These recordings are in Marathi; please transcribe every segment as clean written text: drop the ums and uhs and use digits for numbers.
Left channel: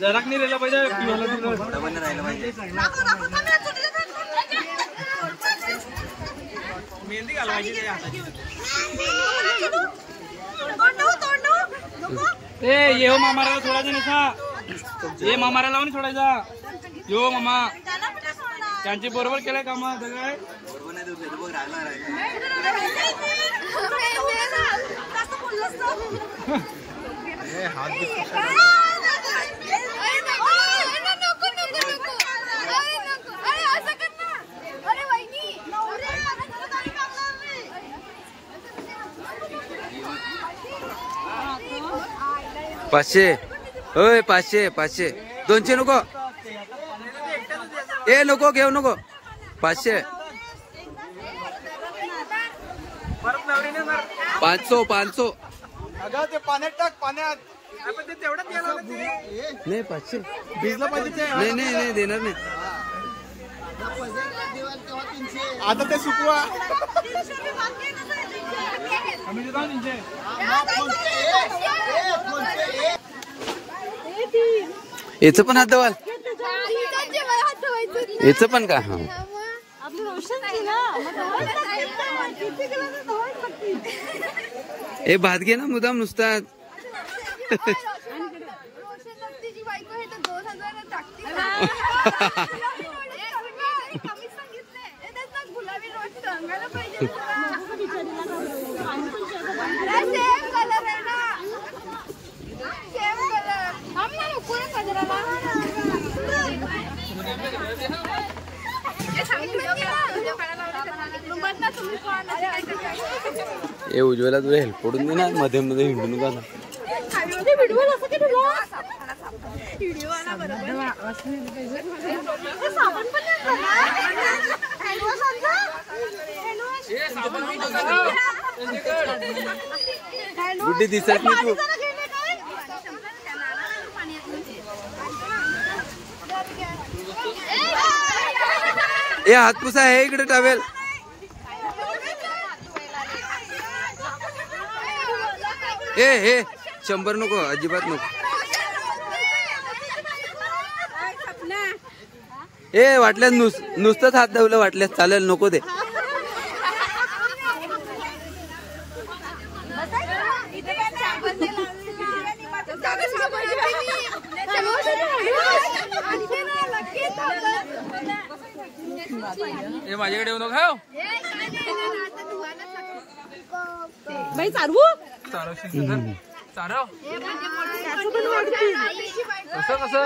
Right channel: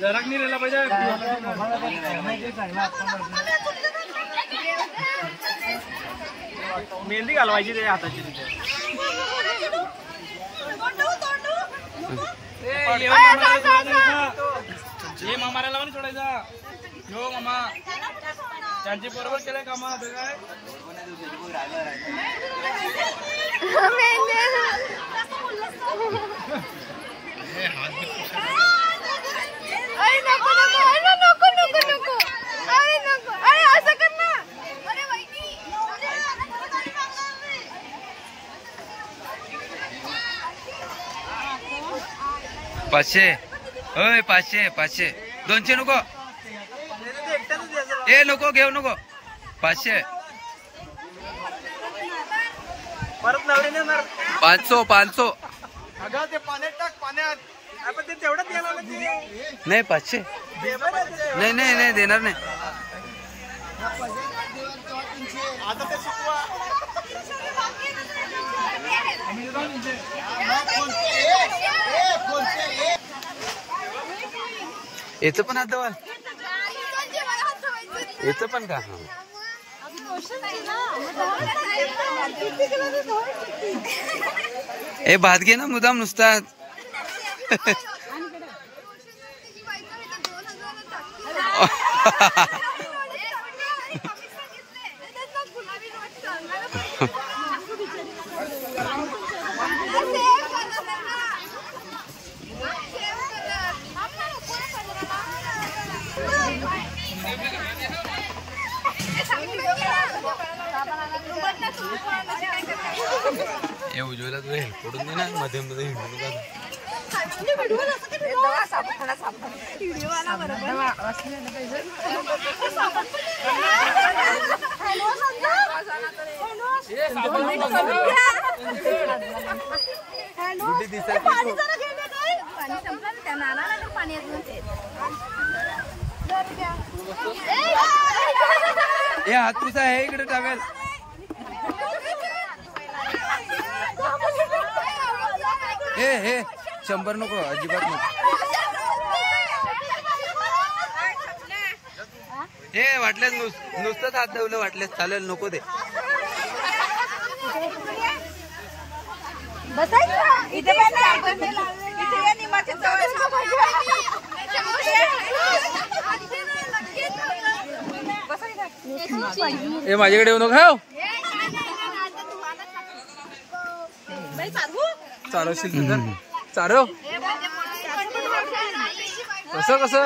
जरा नाही राहिला पाहिजे मेहंदी घालवायची नाही हाताची ये मामाला सोडायचं नसा ये मामाला लावून सोडायचा यो मामा त्यांची बरोबर केलंय काम काय पाचशे ओय 500 500 200 नको ए नको घेऊ नको 500 500 500 नाही 500 नाही नाही नाही देणार नाही आता ते सुकवा याचं पण हात दवाल याचं पण का ए भात घे ना मुदाम नुसतात ए उज्ज्वला तुझं हेल्प पडून दे ना मध्ये मध्ये हिंडून जा गुड्डी दिसत ए हातपुसा आहे इकडे टावेल ए हे 100 नको अजिबात नको ए वाटल्यास नुसतंच हात दावलं वाटल्यास चालेल नको ते ए माझ्याकडे येऊ नको बाई चालवू चालवशील चालव कसं कसं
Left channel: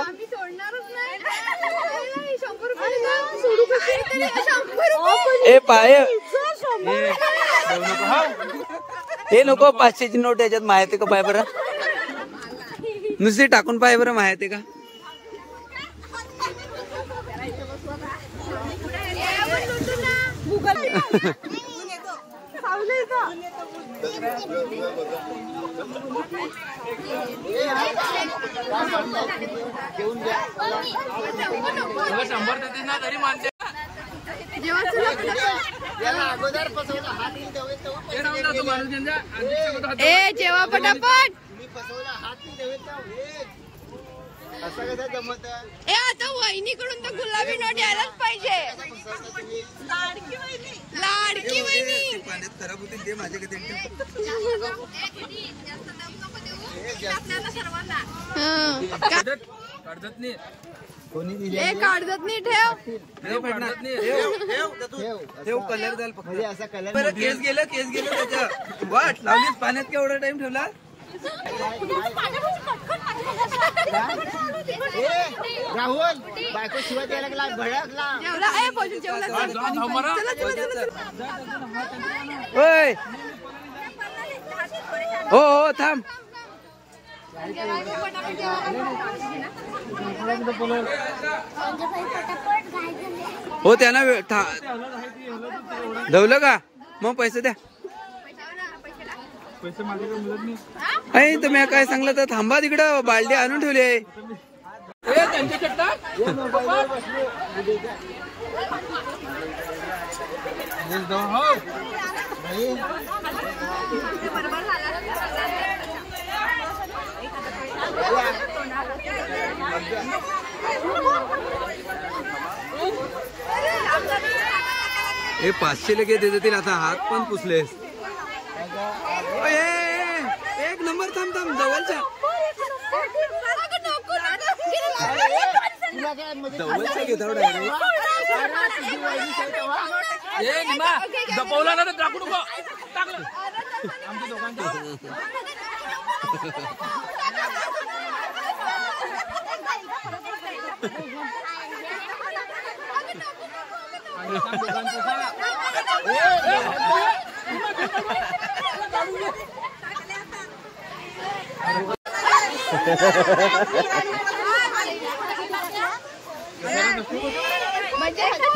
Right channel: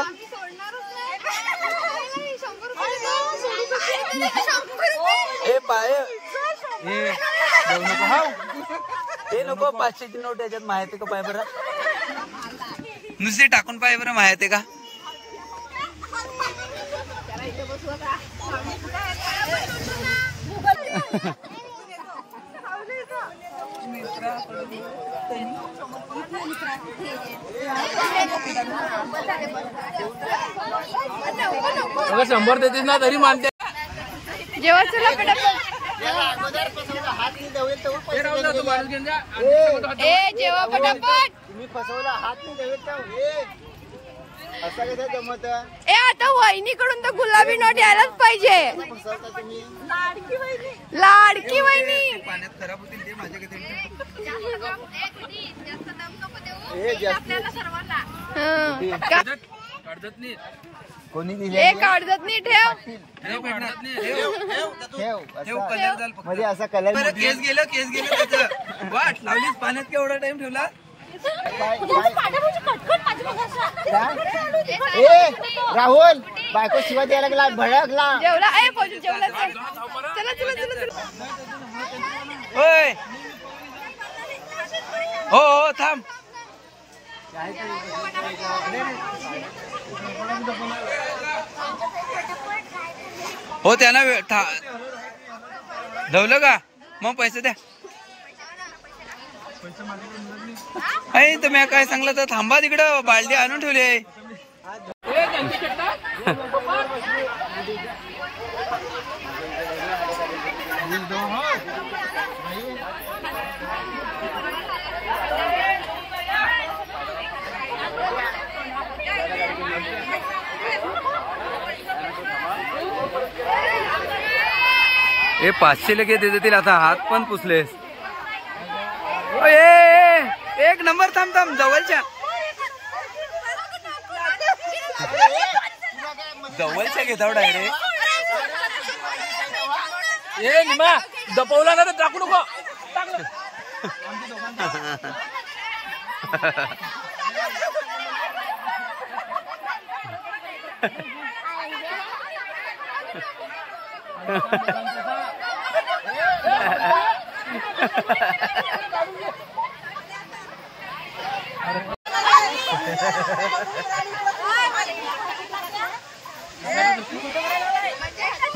ए पाय हे नको 500 ची नोट याच्यात माहिती का पाय बरं नुसती टाकून पाय बरं माहिती का अगर 100 देतेस ना तरी मानते जेव्हा चला ए जेव्हा पटापट ए आता वहिनीकडून तर गुलाबी नोट यायलाच पाहिजे लाडकी वहिनी पाण्यात खराब होतील ते माझ्याकडे काढत नाही कोणी काढत नाही ठेव ठेव कलर झाल म्हणजे असा कलर केस गेलं त्याचं वाट लावलीस पाण्यात केवढा टाइम ठेवला राहुल बायको शिवा द्यायला लागला भडकला जेवला ए पोजू जेवला चला चला चला ओय हो थांब हो त्यांना धवलं का मग पैसे द्या पैसे माझ्याकडे मिळत नाही. अय तुम्ही काय सांगलं तर थांबा तिकडं बालडी आणून ठेवली आहे. हे 500 लगे देतील आता. हात पण पुसले. एक नंबर. थांब थांब जवळच्या जवळच्या घेताव डायरेक्ट. दपवला ना टाकू नको. टाकलं आमच्या दोघांचं.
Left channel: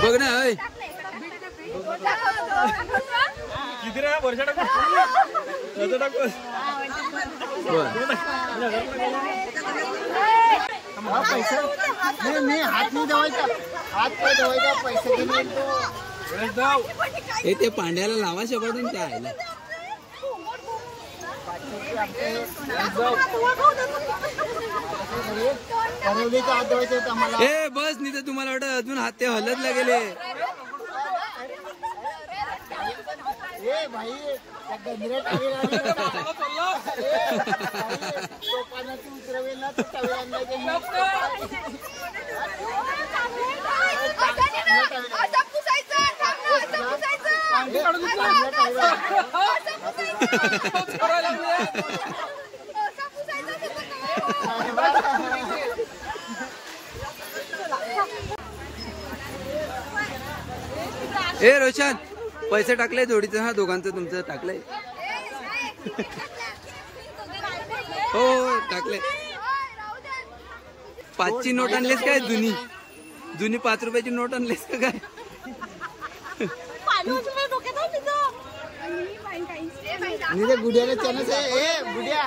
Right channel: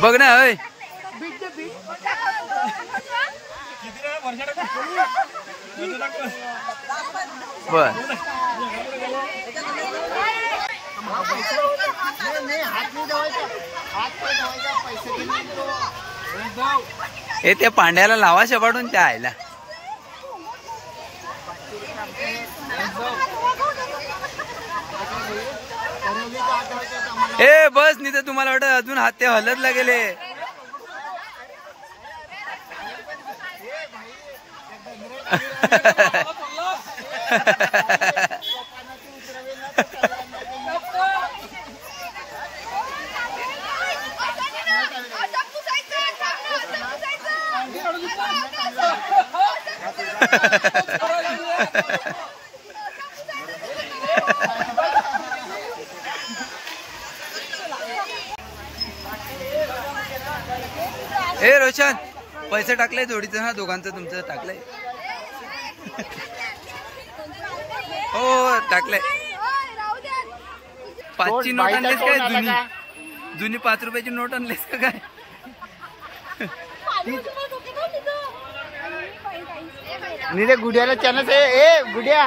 बघ ना. होय बर मी हात नाही धुवायचा. हात पाय धुवायचा. पैसे घेऊन हे ते पांड्याला लावा शपाडून त्या आयला. हात धुवायचे आम्हाला. ए बस नाही तर तुम्हाला वाटत अजून हात ते हलत लागेले. ए रोशन पैसे टाकले जोडीचं. हा दोघांचं तुमचं टाकलंय. हो टाकलंय. 5ची नोट आणलीस काय? जुनी 5 रुपयाची नोट आणलीस का काय? रे गुड्याला चान्स आहे. ए गुड्या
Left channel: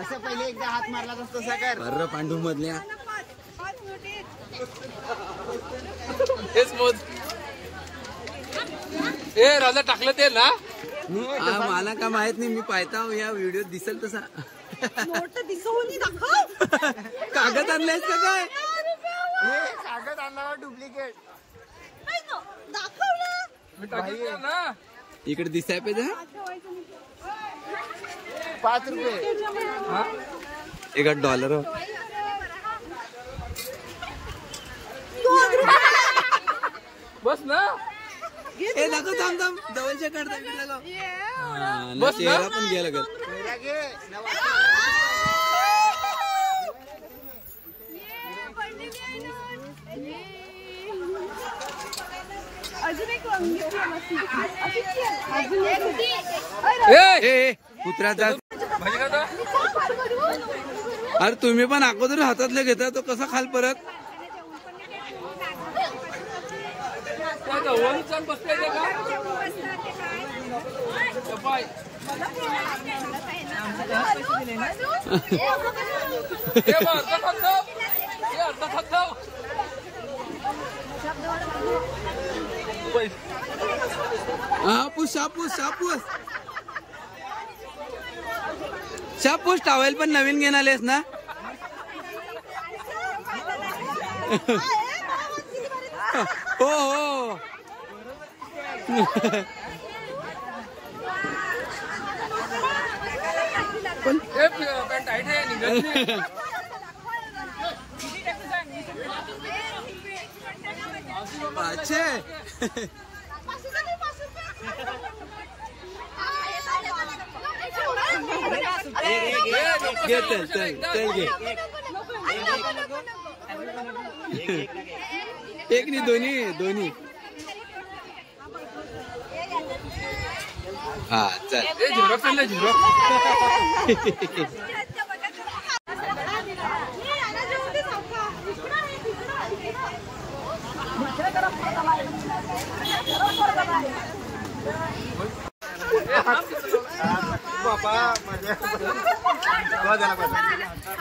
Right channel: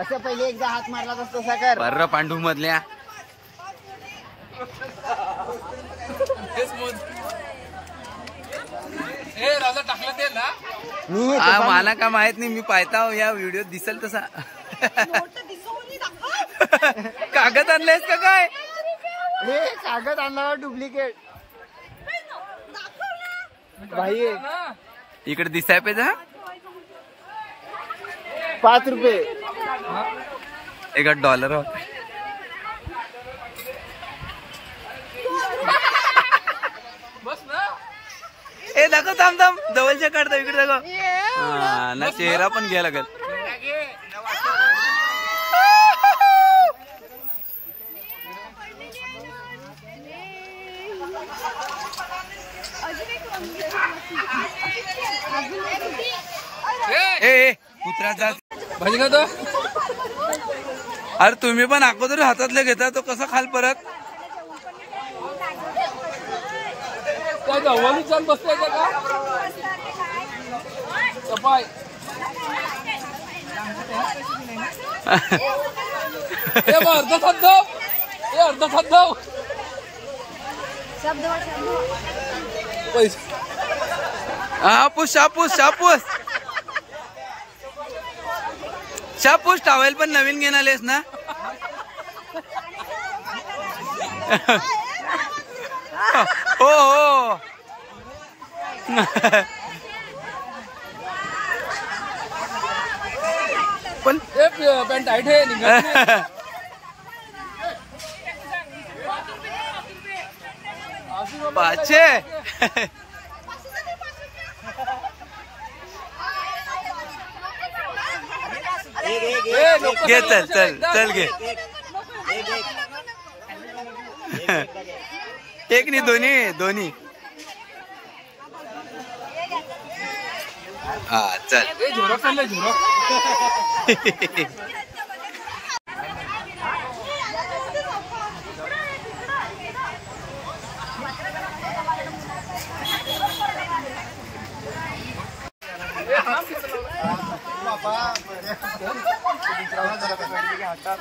असं पहिले एकदा हात मारला तसा कर. बर्र पांडू मधल्या. ए राजा टाकलं ते ना. मला का माहित नाही. मी पाहता या व्हिडिओ दिसेल तसा. कागद आणलायस का काय? कागद आणला डुप्लिकेट. इकडे दिसाय पाहिजे. 5 रुपये. एका $1. बस ना. ए दाखव. थांब थांब जवळच्या काढता. इकडे दाखव. हा ना चेहरा पण घ्यायला लागेल. ए कुत्रा जा. अरे तुम्ही पण अगोदर हातातले घेता तो कसा खाल परत. बसताय का हापूस शापूस शापूस शापूस. टॉवेल पण नवीन घेऊन आलेस ना. हो हो. पण पॅन्ट टाईट आहे. 500. घे चल चल चल घे. एक नाही दोन्ही दोन्ही. हा चल. झिरोक्स आणलं झिरोक्स.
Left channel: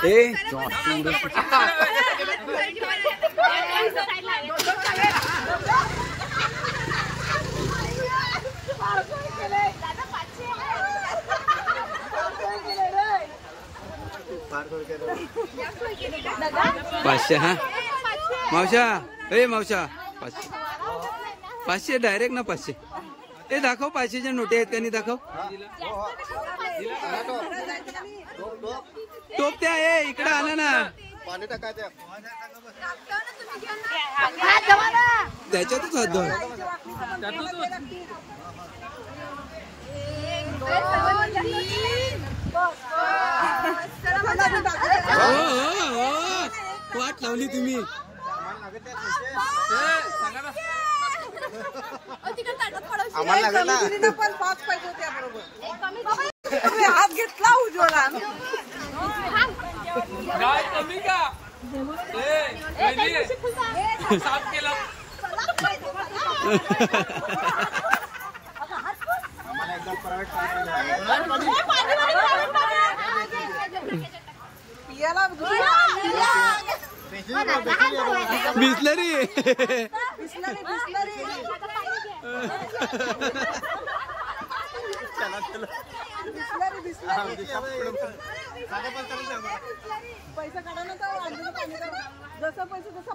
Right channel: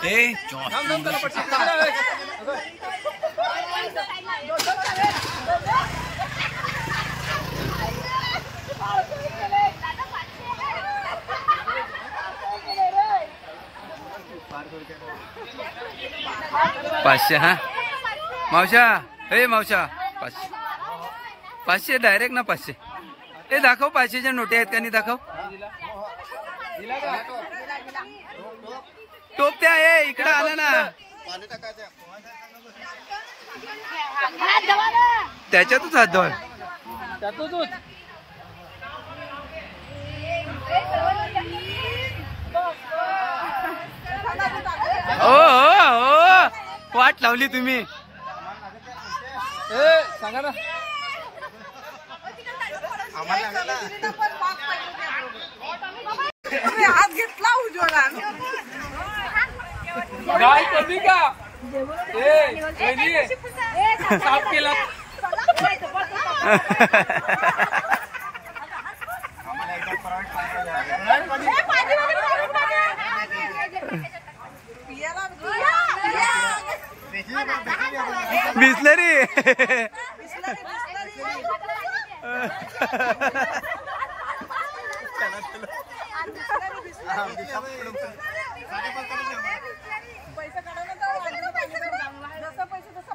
ए पाचशे हा मावशा ए मावशा 500 500 डायरेक्ट ना 500 ए दाखव 500च्या नोटी आहेत का नाही दाखव टोप त्या ए इकडे आला ना त्याच्यातच हात धुवा हो हो हो वाट लावली तुम्ही हात घेतला उजवला गाय कधी का साफ केलं बिस्लरी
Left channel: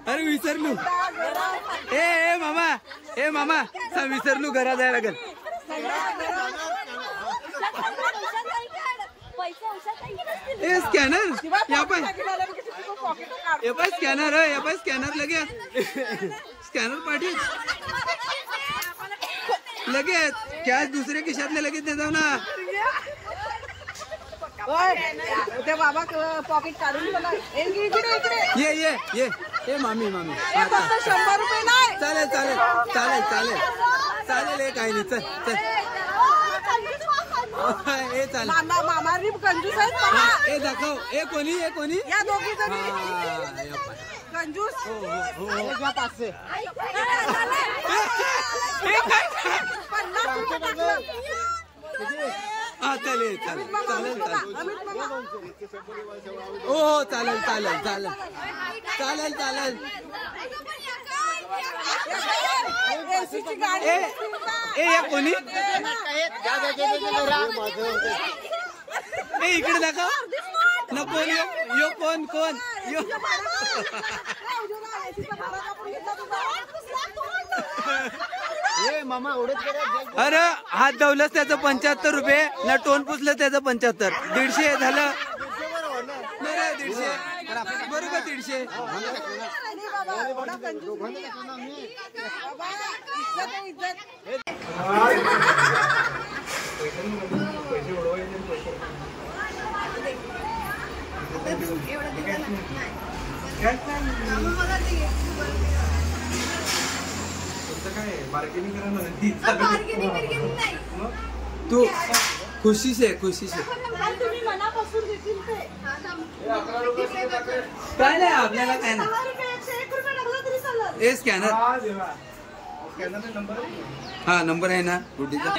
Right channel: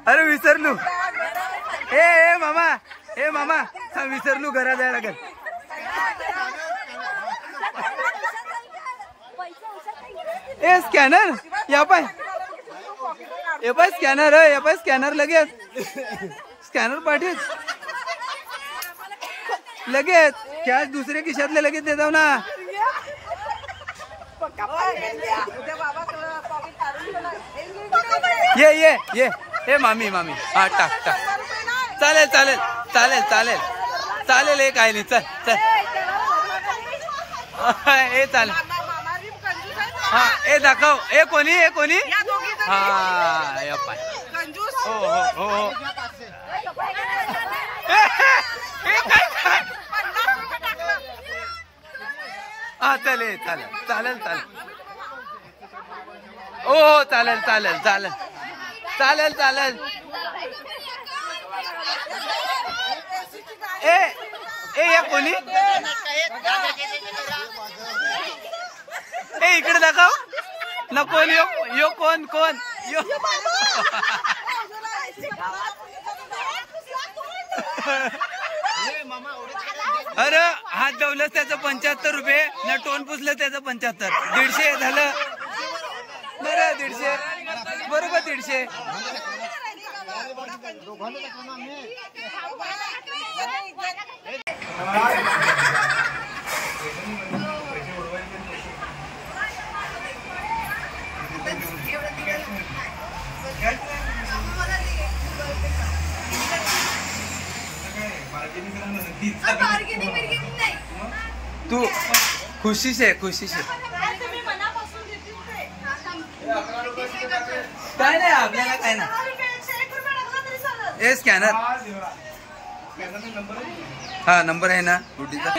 अरे विसरलू ए मामा विसरलू घरा जायला लागेल ए स्कॅनर या पाय स्कॅनर लगेच स्कॅनर पाठीत लगेच कॅश दुसऱ्या खिशातले लगेच दे जाऊ ना ये मामी हा टाक चालेल हे काय नाही चल ए चालेल हा ए दाखव ए कोणी हा या पाय हो हा चालेल ओ चालेल ए या कोणी ए इकडे दाखव नको यो कोण यो अरे हात धवलंच त्याचं 75 रुपये न टोन पुसलं त्याचं 75 150 झालं बरं 150 बरोबर 150 तू खुशी से काय नाही आपल्याला काय नाही ए स्कॅनर हा नंबर आहे ना गुड्डीचा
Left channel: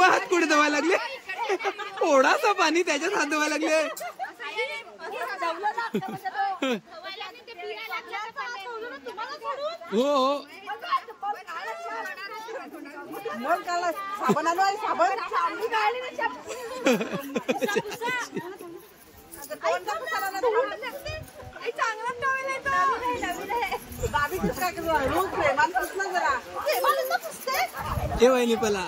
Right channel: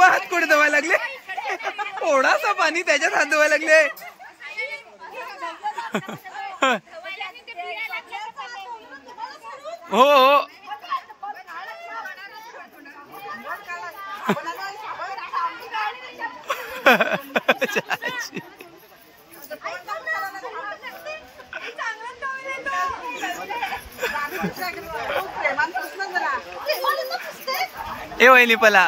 हात कुठे धुवायला लागले थोडासा पाणी त्याच्यात हात धुवायला लागले हो ए वहिनी पला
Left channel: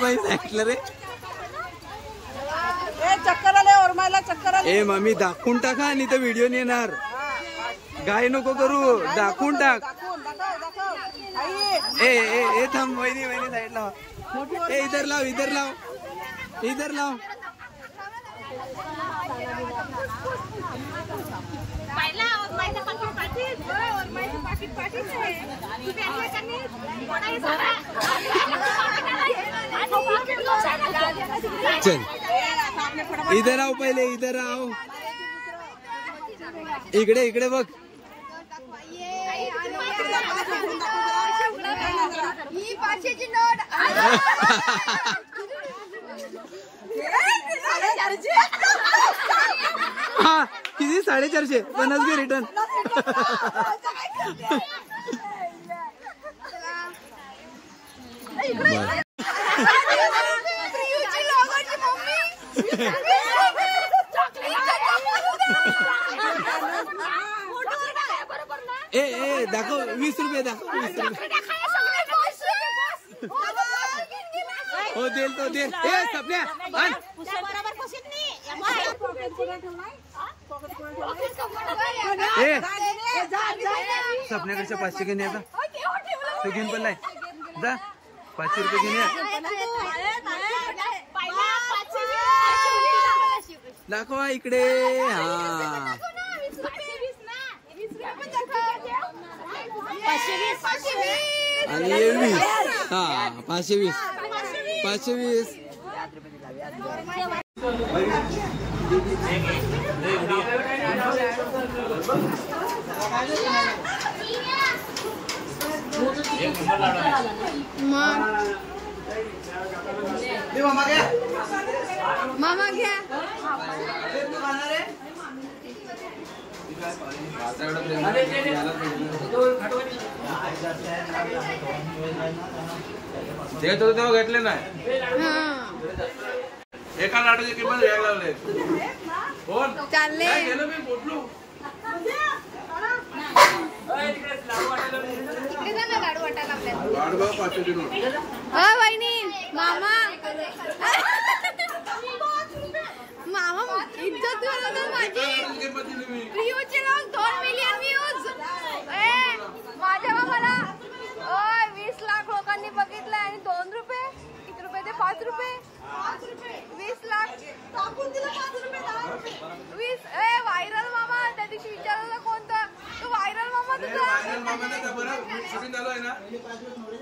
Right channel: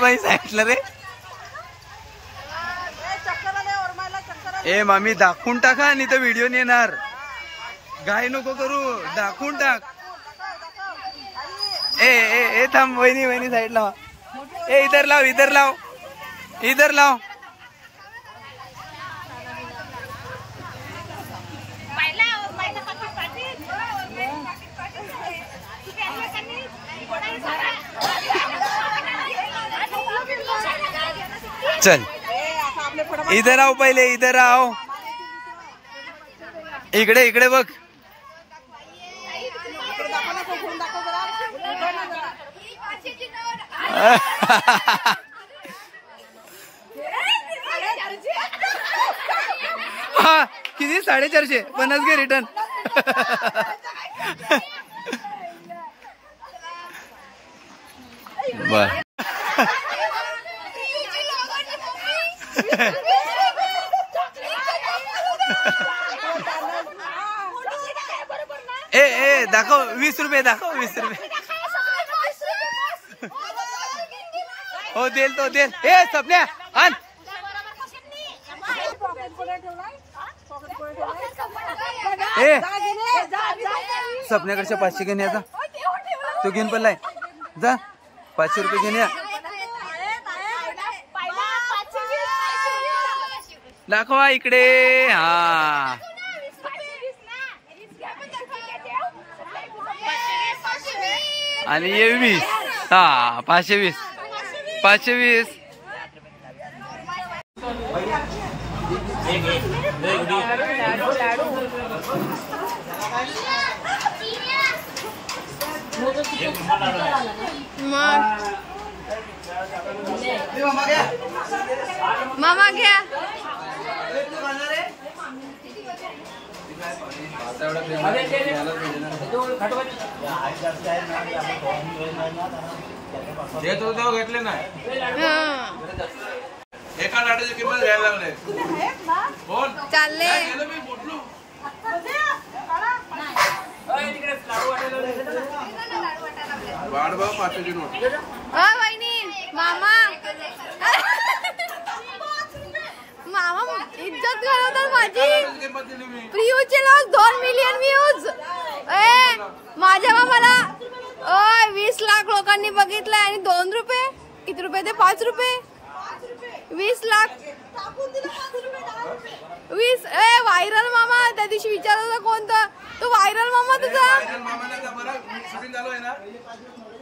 बाई सांगितलं रे ए मामी दाखवून टाका नाही तर व्हिडिओ येणार गाय नको करू दाखवून टाक ए थांब वहिनी वहिनी साइड लाव. ए इधर लाव इधर लाव इधर लाव. चल इधर आओ पहिले इधर आओ. इकडे इकडे बघ. हा किती 450 50 घे रिटर्न. बर ए दाखव 20 रुपये दाखव 20 रुपये. हो देल तो देल. ए सपन्या आण. ए सपन्याकडच्या 500 घेऊन या जा. तो घेऊन पडलाय जा. 500 रुपये घेऊन या. दाखवा इकडे. हा आणि 20. हा 520 520. मामा घ्या. ते तो तेव्हा घेतले नाही. एका लाडूची किंमत घ्यायला लागले. कोण चालले मी बोललो. वाढवा 500ची नोट. वहिनी मामा मामा इज्जत घालवतात माझी. प्रियूचे लोक 2 मिलियन व्ह्यूज. माझ्या मामाला 20 लाख लोकांनी बघितलंय आणि 2 रुपये. किती रुपये ते 5 रुपये 20 लाख 20. व्हायरल मामा त्या दिवशी विचारलं कोणतं तो व्हायरल मामा तुझा. शूटिंग चालू आहे ना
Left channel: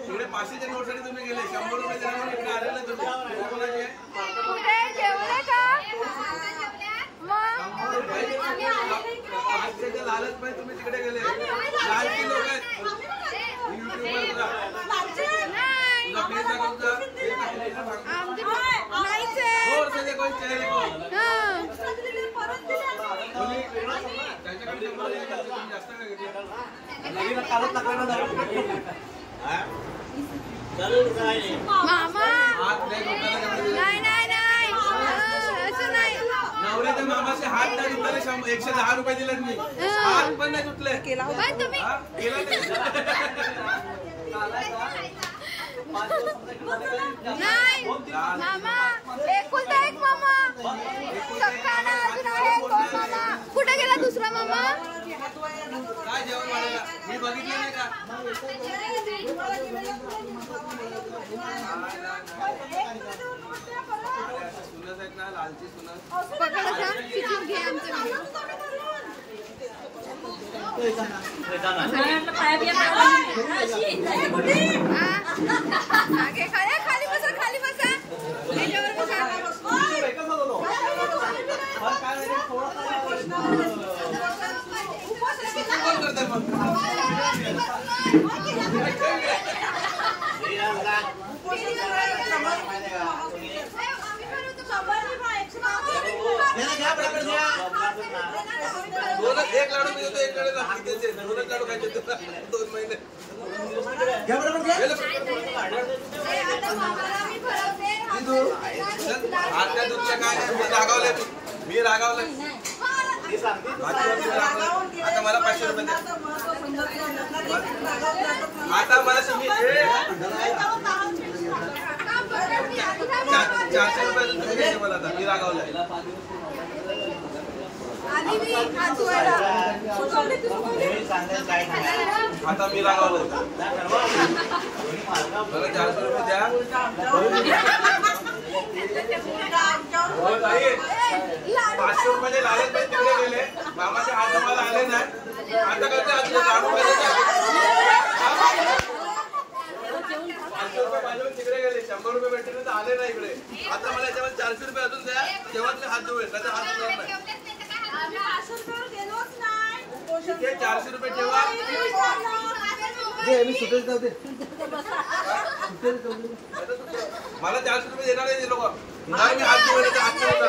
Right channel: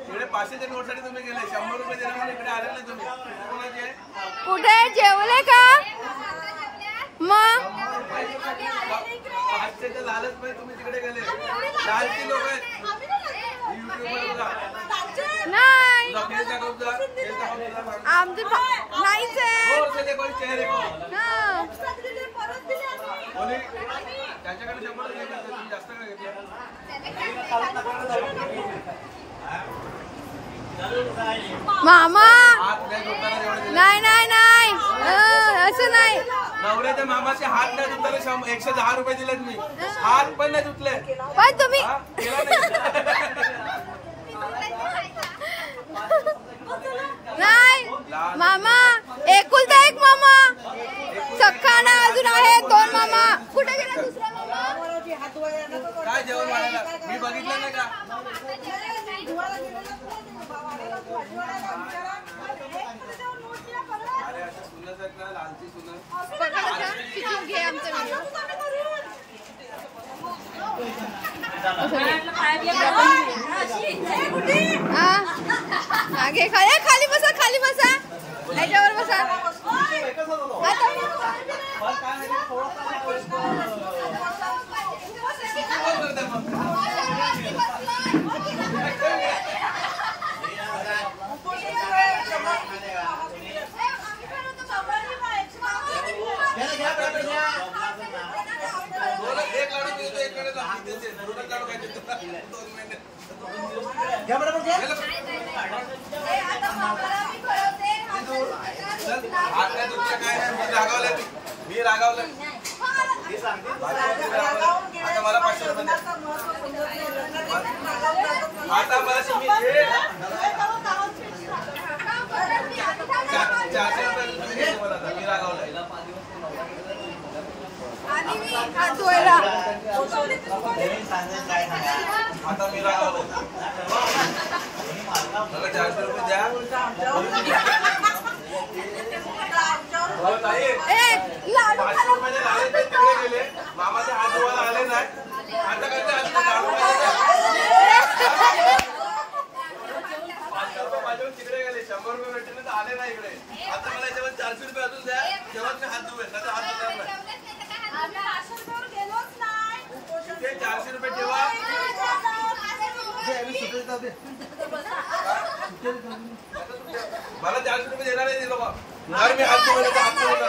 इकडे 500च्या नोट साठी तुम्ही गेले 100 रुपये दिला म्हणून इकडे आले नाही तुम्ही. कोणाचे कुठे जेवले का मग 500च्या लालच पाहिजे तुम्ही तिकडे गेले. लालची लोक आहेत युट्यूबवर बघा. नाही आमचं नाहीच आहे. त्यांच्याकडे 100 जास्त काय मामा नाही नाही नाही असं नाही. नवऱ्याच्या मामाचे हात नाही धुतले. 110 रुपये दिलेत मी. हात पण नाही धुतले. पण तुम्ही नाही मामा एकुलता एक मामा. सख्खा ना अजून आहे 2 मामा. कुठे गेला दुसरा मामा. काय जेवण बनायला मी बघितलं नाही का. अरे असं सुनत आहेत ना लालची सुनत. पकडायचा चिकन घे आमचं. मागे खाली बसा खाली बसा. त्याच्यावर बसा. एक लाडू मी देतो. एक लाडू लागते. 2 लाडू खायचे 2 महिने. आता तुमचं काय नाही. मी रागावलंय. आता मला 500 रुपये द्या. आता मला तुम्ही 400 रुपये तुम्ही द्यायचे मला. आता मी रागावलंय. आता मी रागावलंय. मला 400 रुपये द्या. हो ताई, 500 रुपयाचे लाले तिकडे गेले, मामाचे हात धुवायला आले नाही. आता करते लाडू पाहिजे 500 रुपये माझ्यावर तिकडे गेले, 100 रुपये भेटले तर आले नाही इकडे. आता मला याच्यावर 400 रुपये अजून द्या, तेव्हाच मी हात धुवेल, नाही हात धुणार नाही. ते 400 रुपये ठेवा. मला 400 रुपये देणार नाही लोक. जर मी हात धुवेल तर हात धुवणार.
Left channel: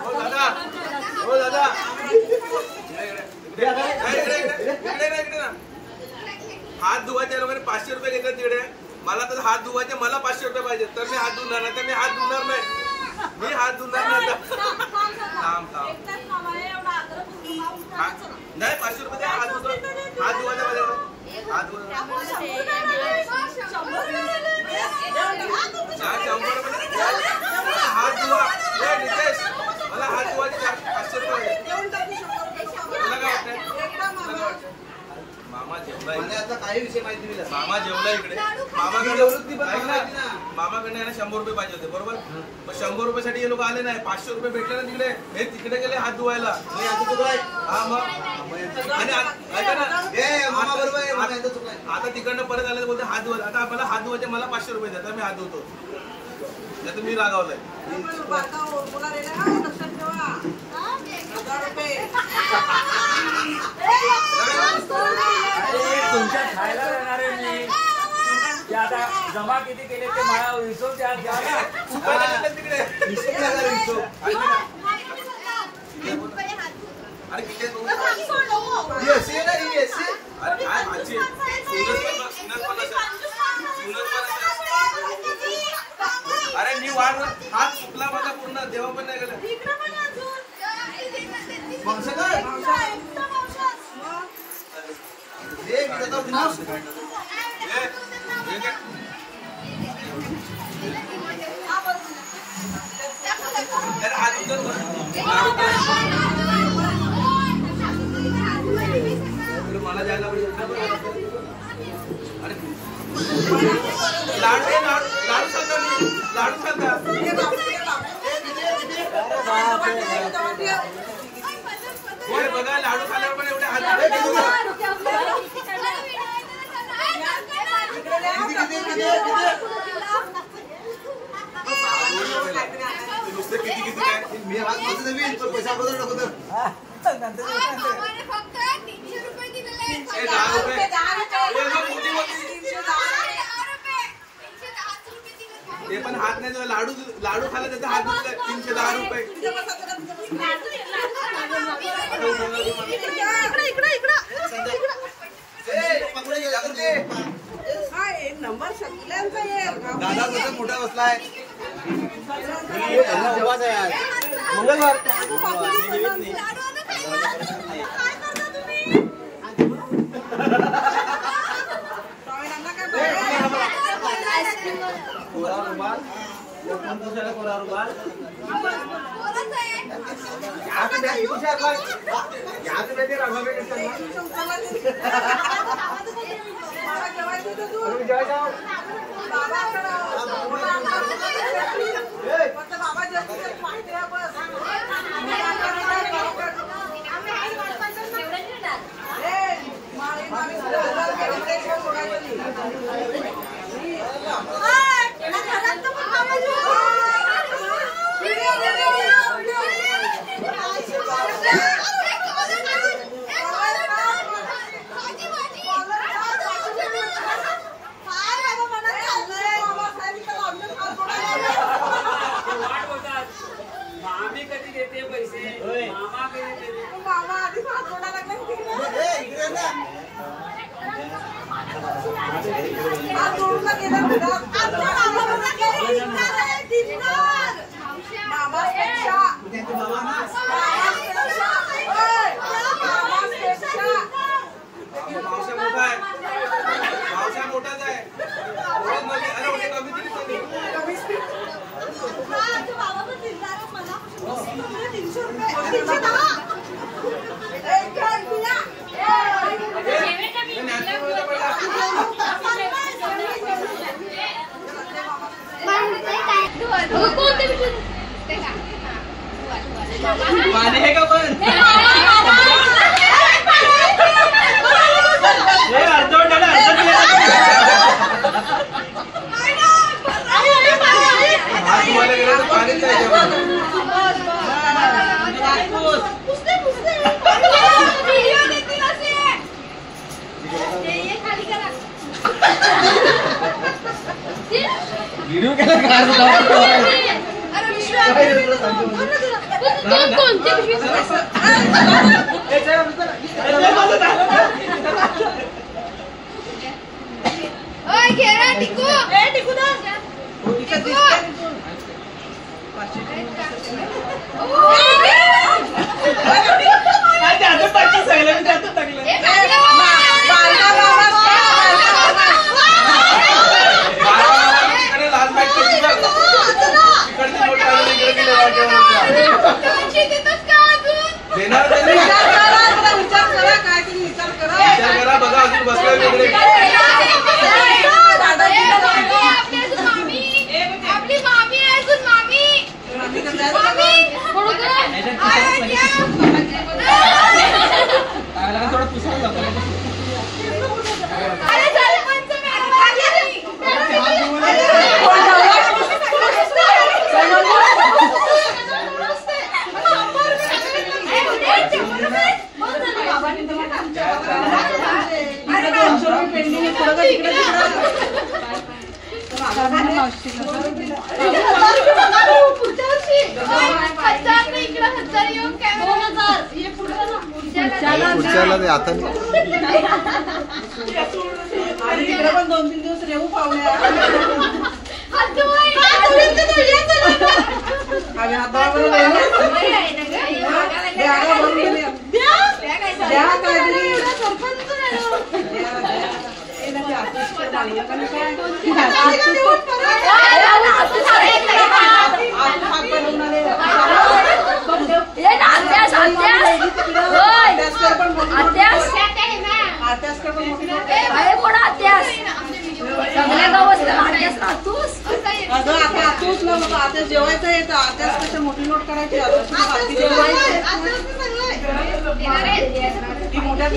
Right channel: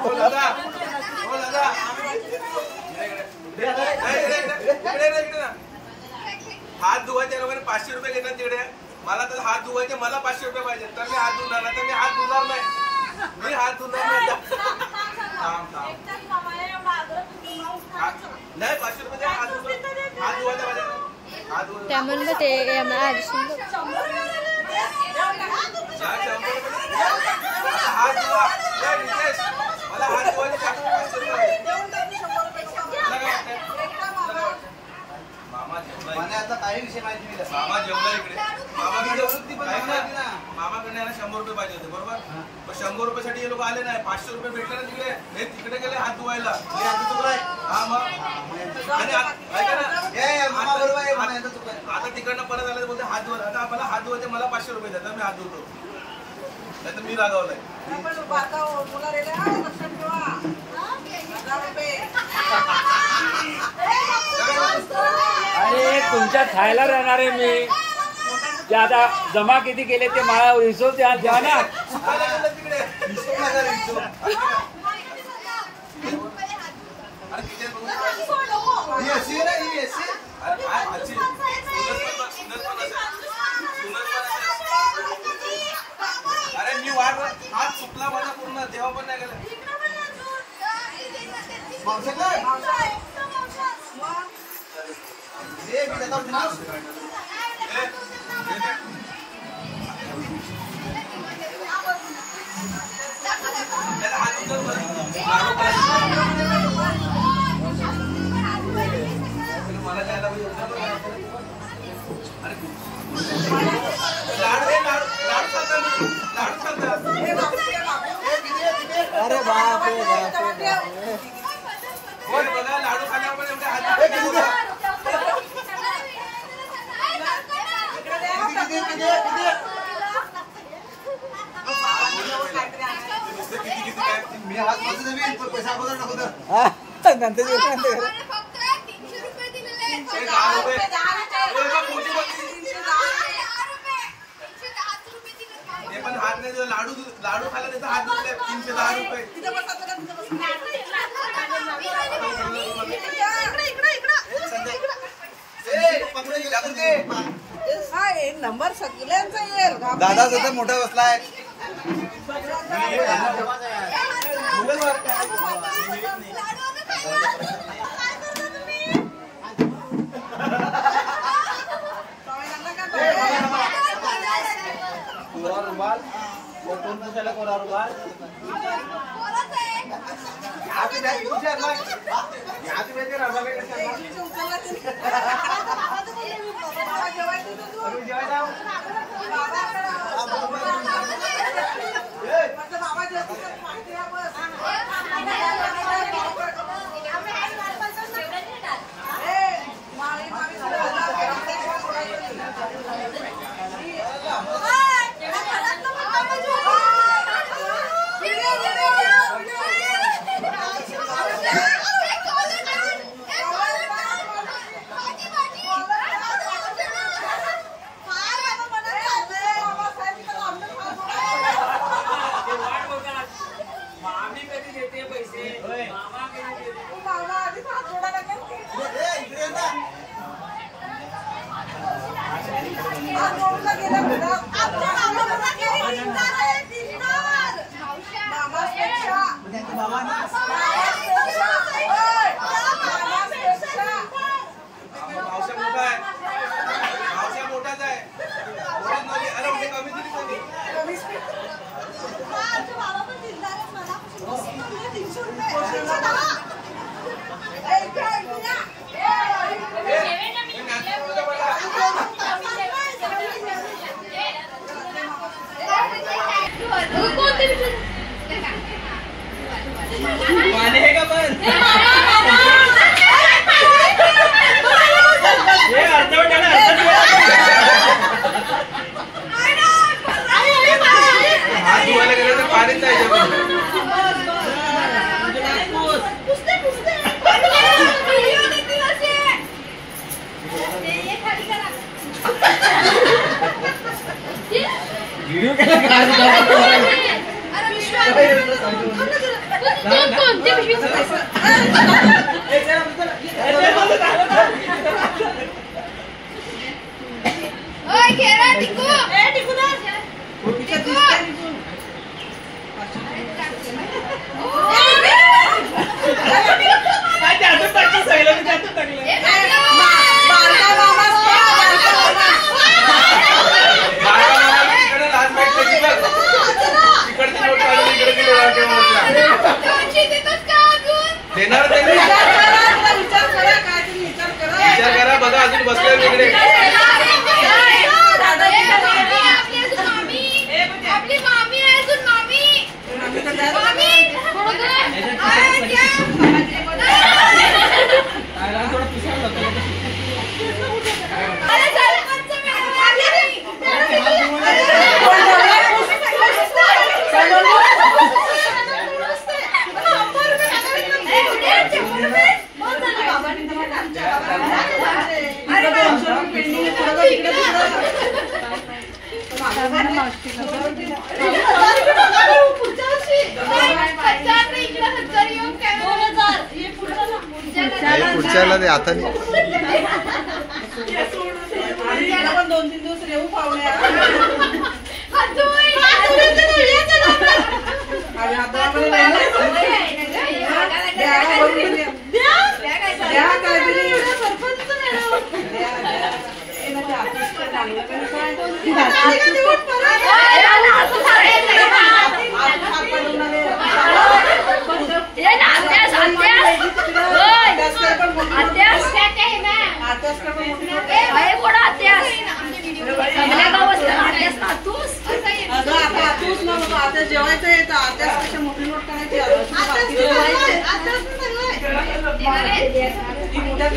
हो दादा, हो दादा, हात धुवायचे लोकांनी 500 रुपये घेतात तिकडे. मला तर हात धुवायचे, मला 500 रुपये पाहिजे, तर मी हात धुणार नाही. तर मी हात धुणार नाही, मी हात धुणार नाही. नाही 500 रुपये हात धुवायचा माझ्या हात धुवायचा 100 रुपये हात धुवा. नितेश, मला हात धुवायचे 500 रुपये. मामा जेवला, आता काही विषय माहिती नाही. मामा जेवला इकडे. मामाकडे 100 रुपये पाहिजे होते, बरोबर. पण 100 रुपयासाठी हे लोक आले नाही. 500 रुपये भेटले ना तिकडे, हे तिकडे गेले हात धुवायला. हा मग, आणि ऐका ना, आता तिकडनं परत आले बोलते हात धुवायला. आता मला हात धुवायचे, मला 500 रुपये द्या, मी हात धुतो. नाही तर मी रागावलाय. तुमच्या खायला राहणार आहे मी. ते आता जमा किती केले ते मला हिशोब द्या ना. तिकडे अरे किती अरे मी वाट हात चुकला माझा पूर्ण, तेव्हा पण नाही गेलं. मला जायला अरे लाडू लाडू सांगता, लाडू सांगता. बघा लाडू खाल्यावर पण एवढे हात किती किती काय मी हात माझं नवीन पैसा अगोदर नको तर नंतर फक्त 300 रुपये दिलेले आहेत. 10 रुपये ते पण हात नाही दिला. लाडू लाडू खायला त्याचा हात धुतले 310 रुपये. नंबर सगळ्यांचा येईल. दादा त्याचा मोठा बसलाय. कोरा रुमाल, कोण कशाला कोरा रुमाल. मामी कधी देते पैसे, मामा कधी देते. मामा आधी हात जोडायला लागला. हात जोडून गेले. मावसा मोठा आहे, मावसा मोठाच आहे. कमी किती सांगितलं? कमी स्पीड. हा, आमच्या बाबा पण दिलदार आहे. मनापासून 300 रुपये. 310. पाणी आहे का पण हे अर्धवट आणि पाणीच आहे व्हिडिओ देणार नाही विचार करा काहीतरी विचार करा बघा अजून बसलोय वेगळे आपली मामी आहे अजून मामी थोडं पुसायला पुढच्याला ते आता नाही पण 2-3 दिवस रेऊ पाहुण्या आता जेवायचं येतं आत्यास मोठी नोट करायची मोठ्या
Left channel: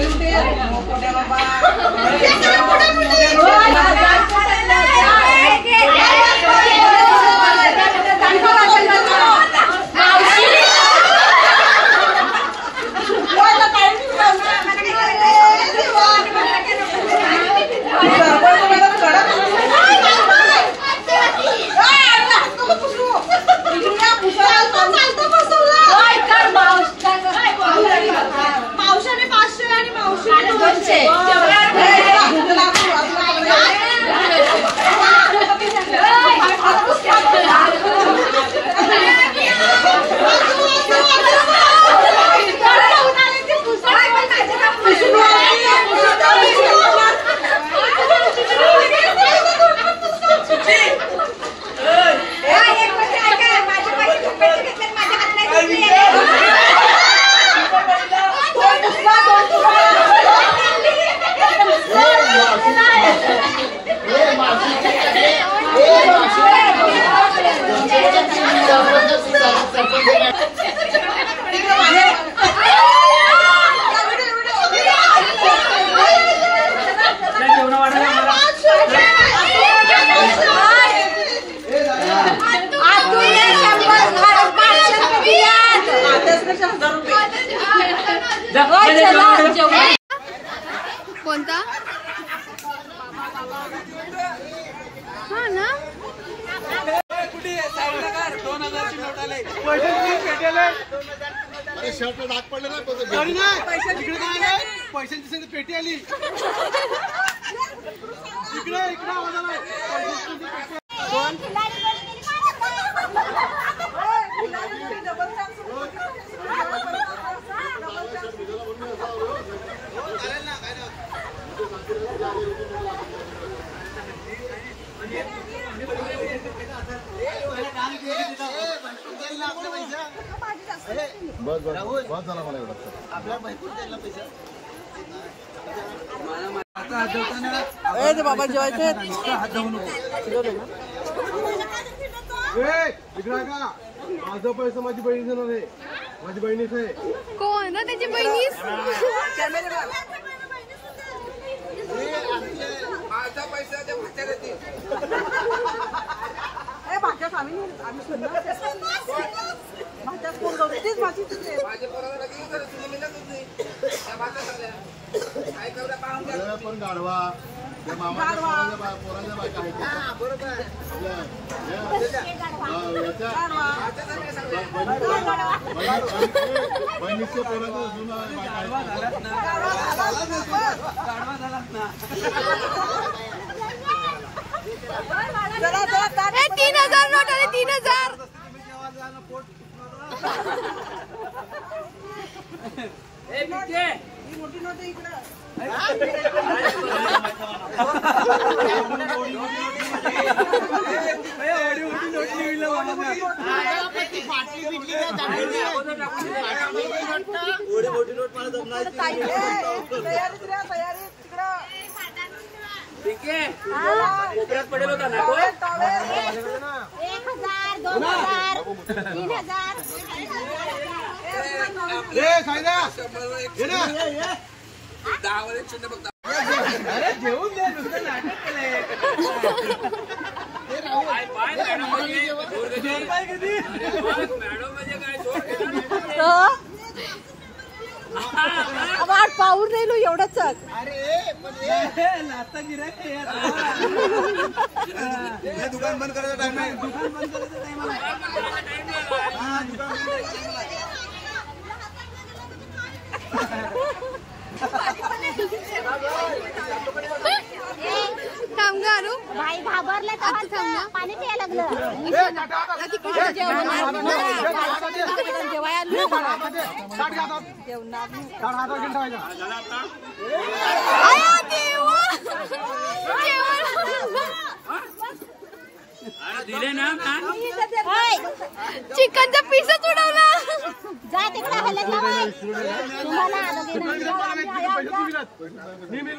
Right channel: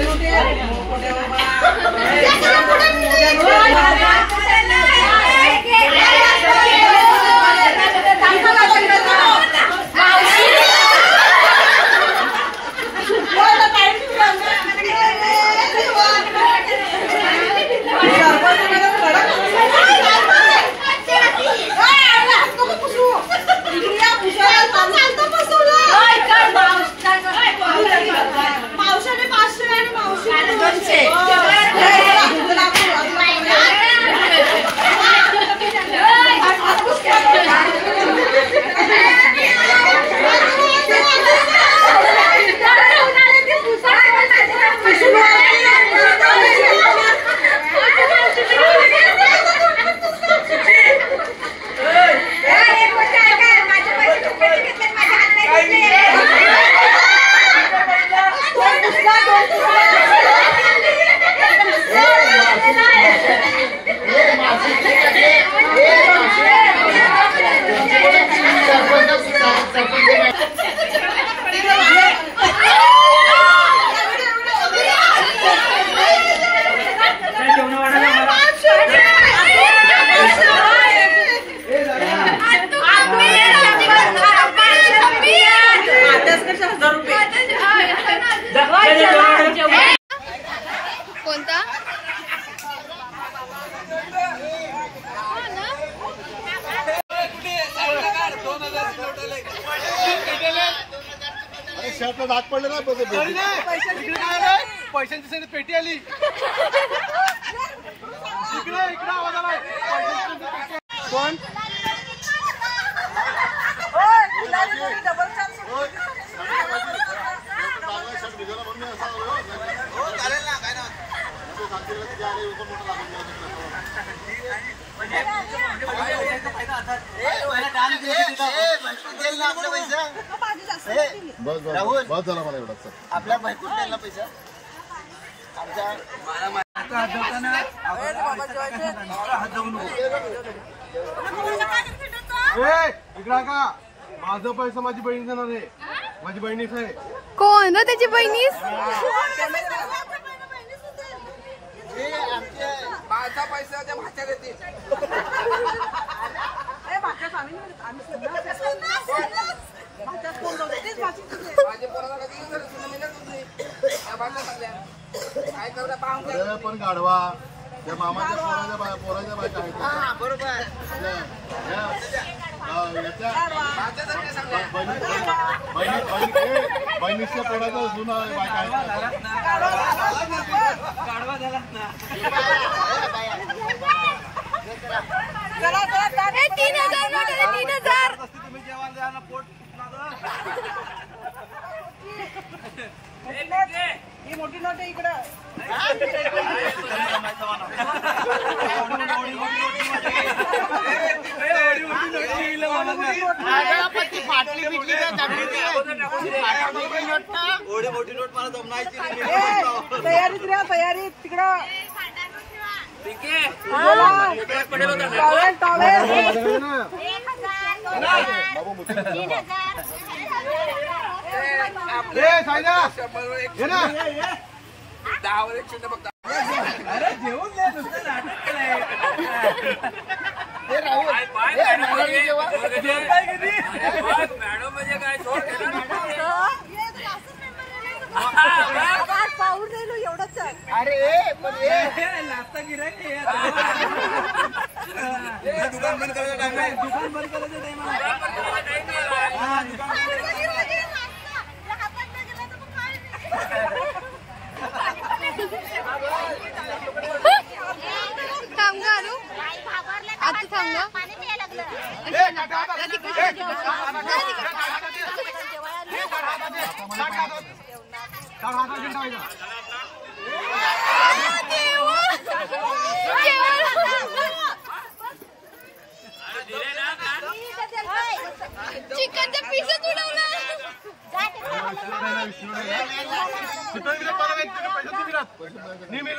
मावशाने 500 आणि मावशीने 200 कोणता हा ना अरे शर्ट दात पडले ना इकडे काय आलं पैशांची सगळी पेटी आली इकडे आवाज आलाय कोण डबल चान्स चालेल ना काय ना देईल ना आपले पैसे बस बस बस झाला मला एवढा आपल्या बायकोच देईल ना पैसे इकडा का माझं पैसा माझी बहीण देणार आहे माझी बहिणीच आहे कोण रे त्याची बहिणीस माझा पैसा त्या भाच्या देतील माझ्या पोराला लगेच त्या भाषा सांगल्या काय करता पाहून घ्या. पण गाढवा त्या मामाच्या पोराच्या बायका आहेत बरोबर भाच्यासारख्या सांगल्या बहिणीच्या पोराचा जुना बायका गाडवा झालाच ना 3000 नोट आले 3000 तुम्ही जेव्हा द्या ना पोट ही मोठी नोट आहे इकडं मोठी नोट मला जमणायची तयारी तिकडं पडेल होता ना अरे जेवून दे नुसतं नाटक केलंय मॅडम म्हणजे काय जोर केला पाऊर नाही लो एवढंच नाश्ता गिरायक दुकान बंद करायचा टाइम आहे दुकान बंद करायचं टाइम टाइम थांब ग अनु आता थांब ग पाणी प्यायला लागलं दिले ना चिकनचा पीसच उडवला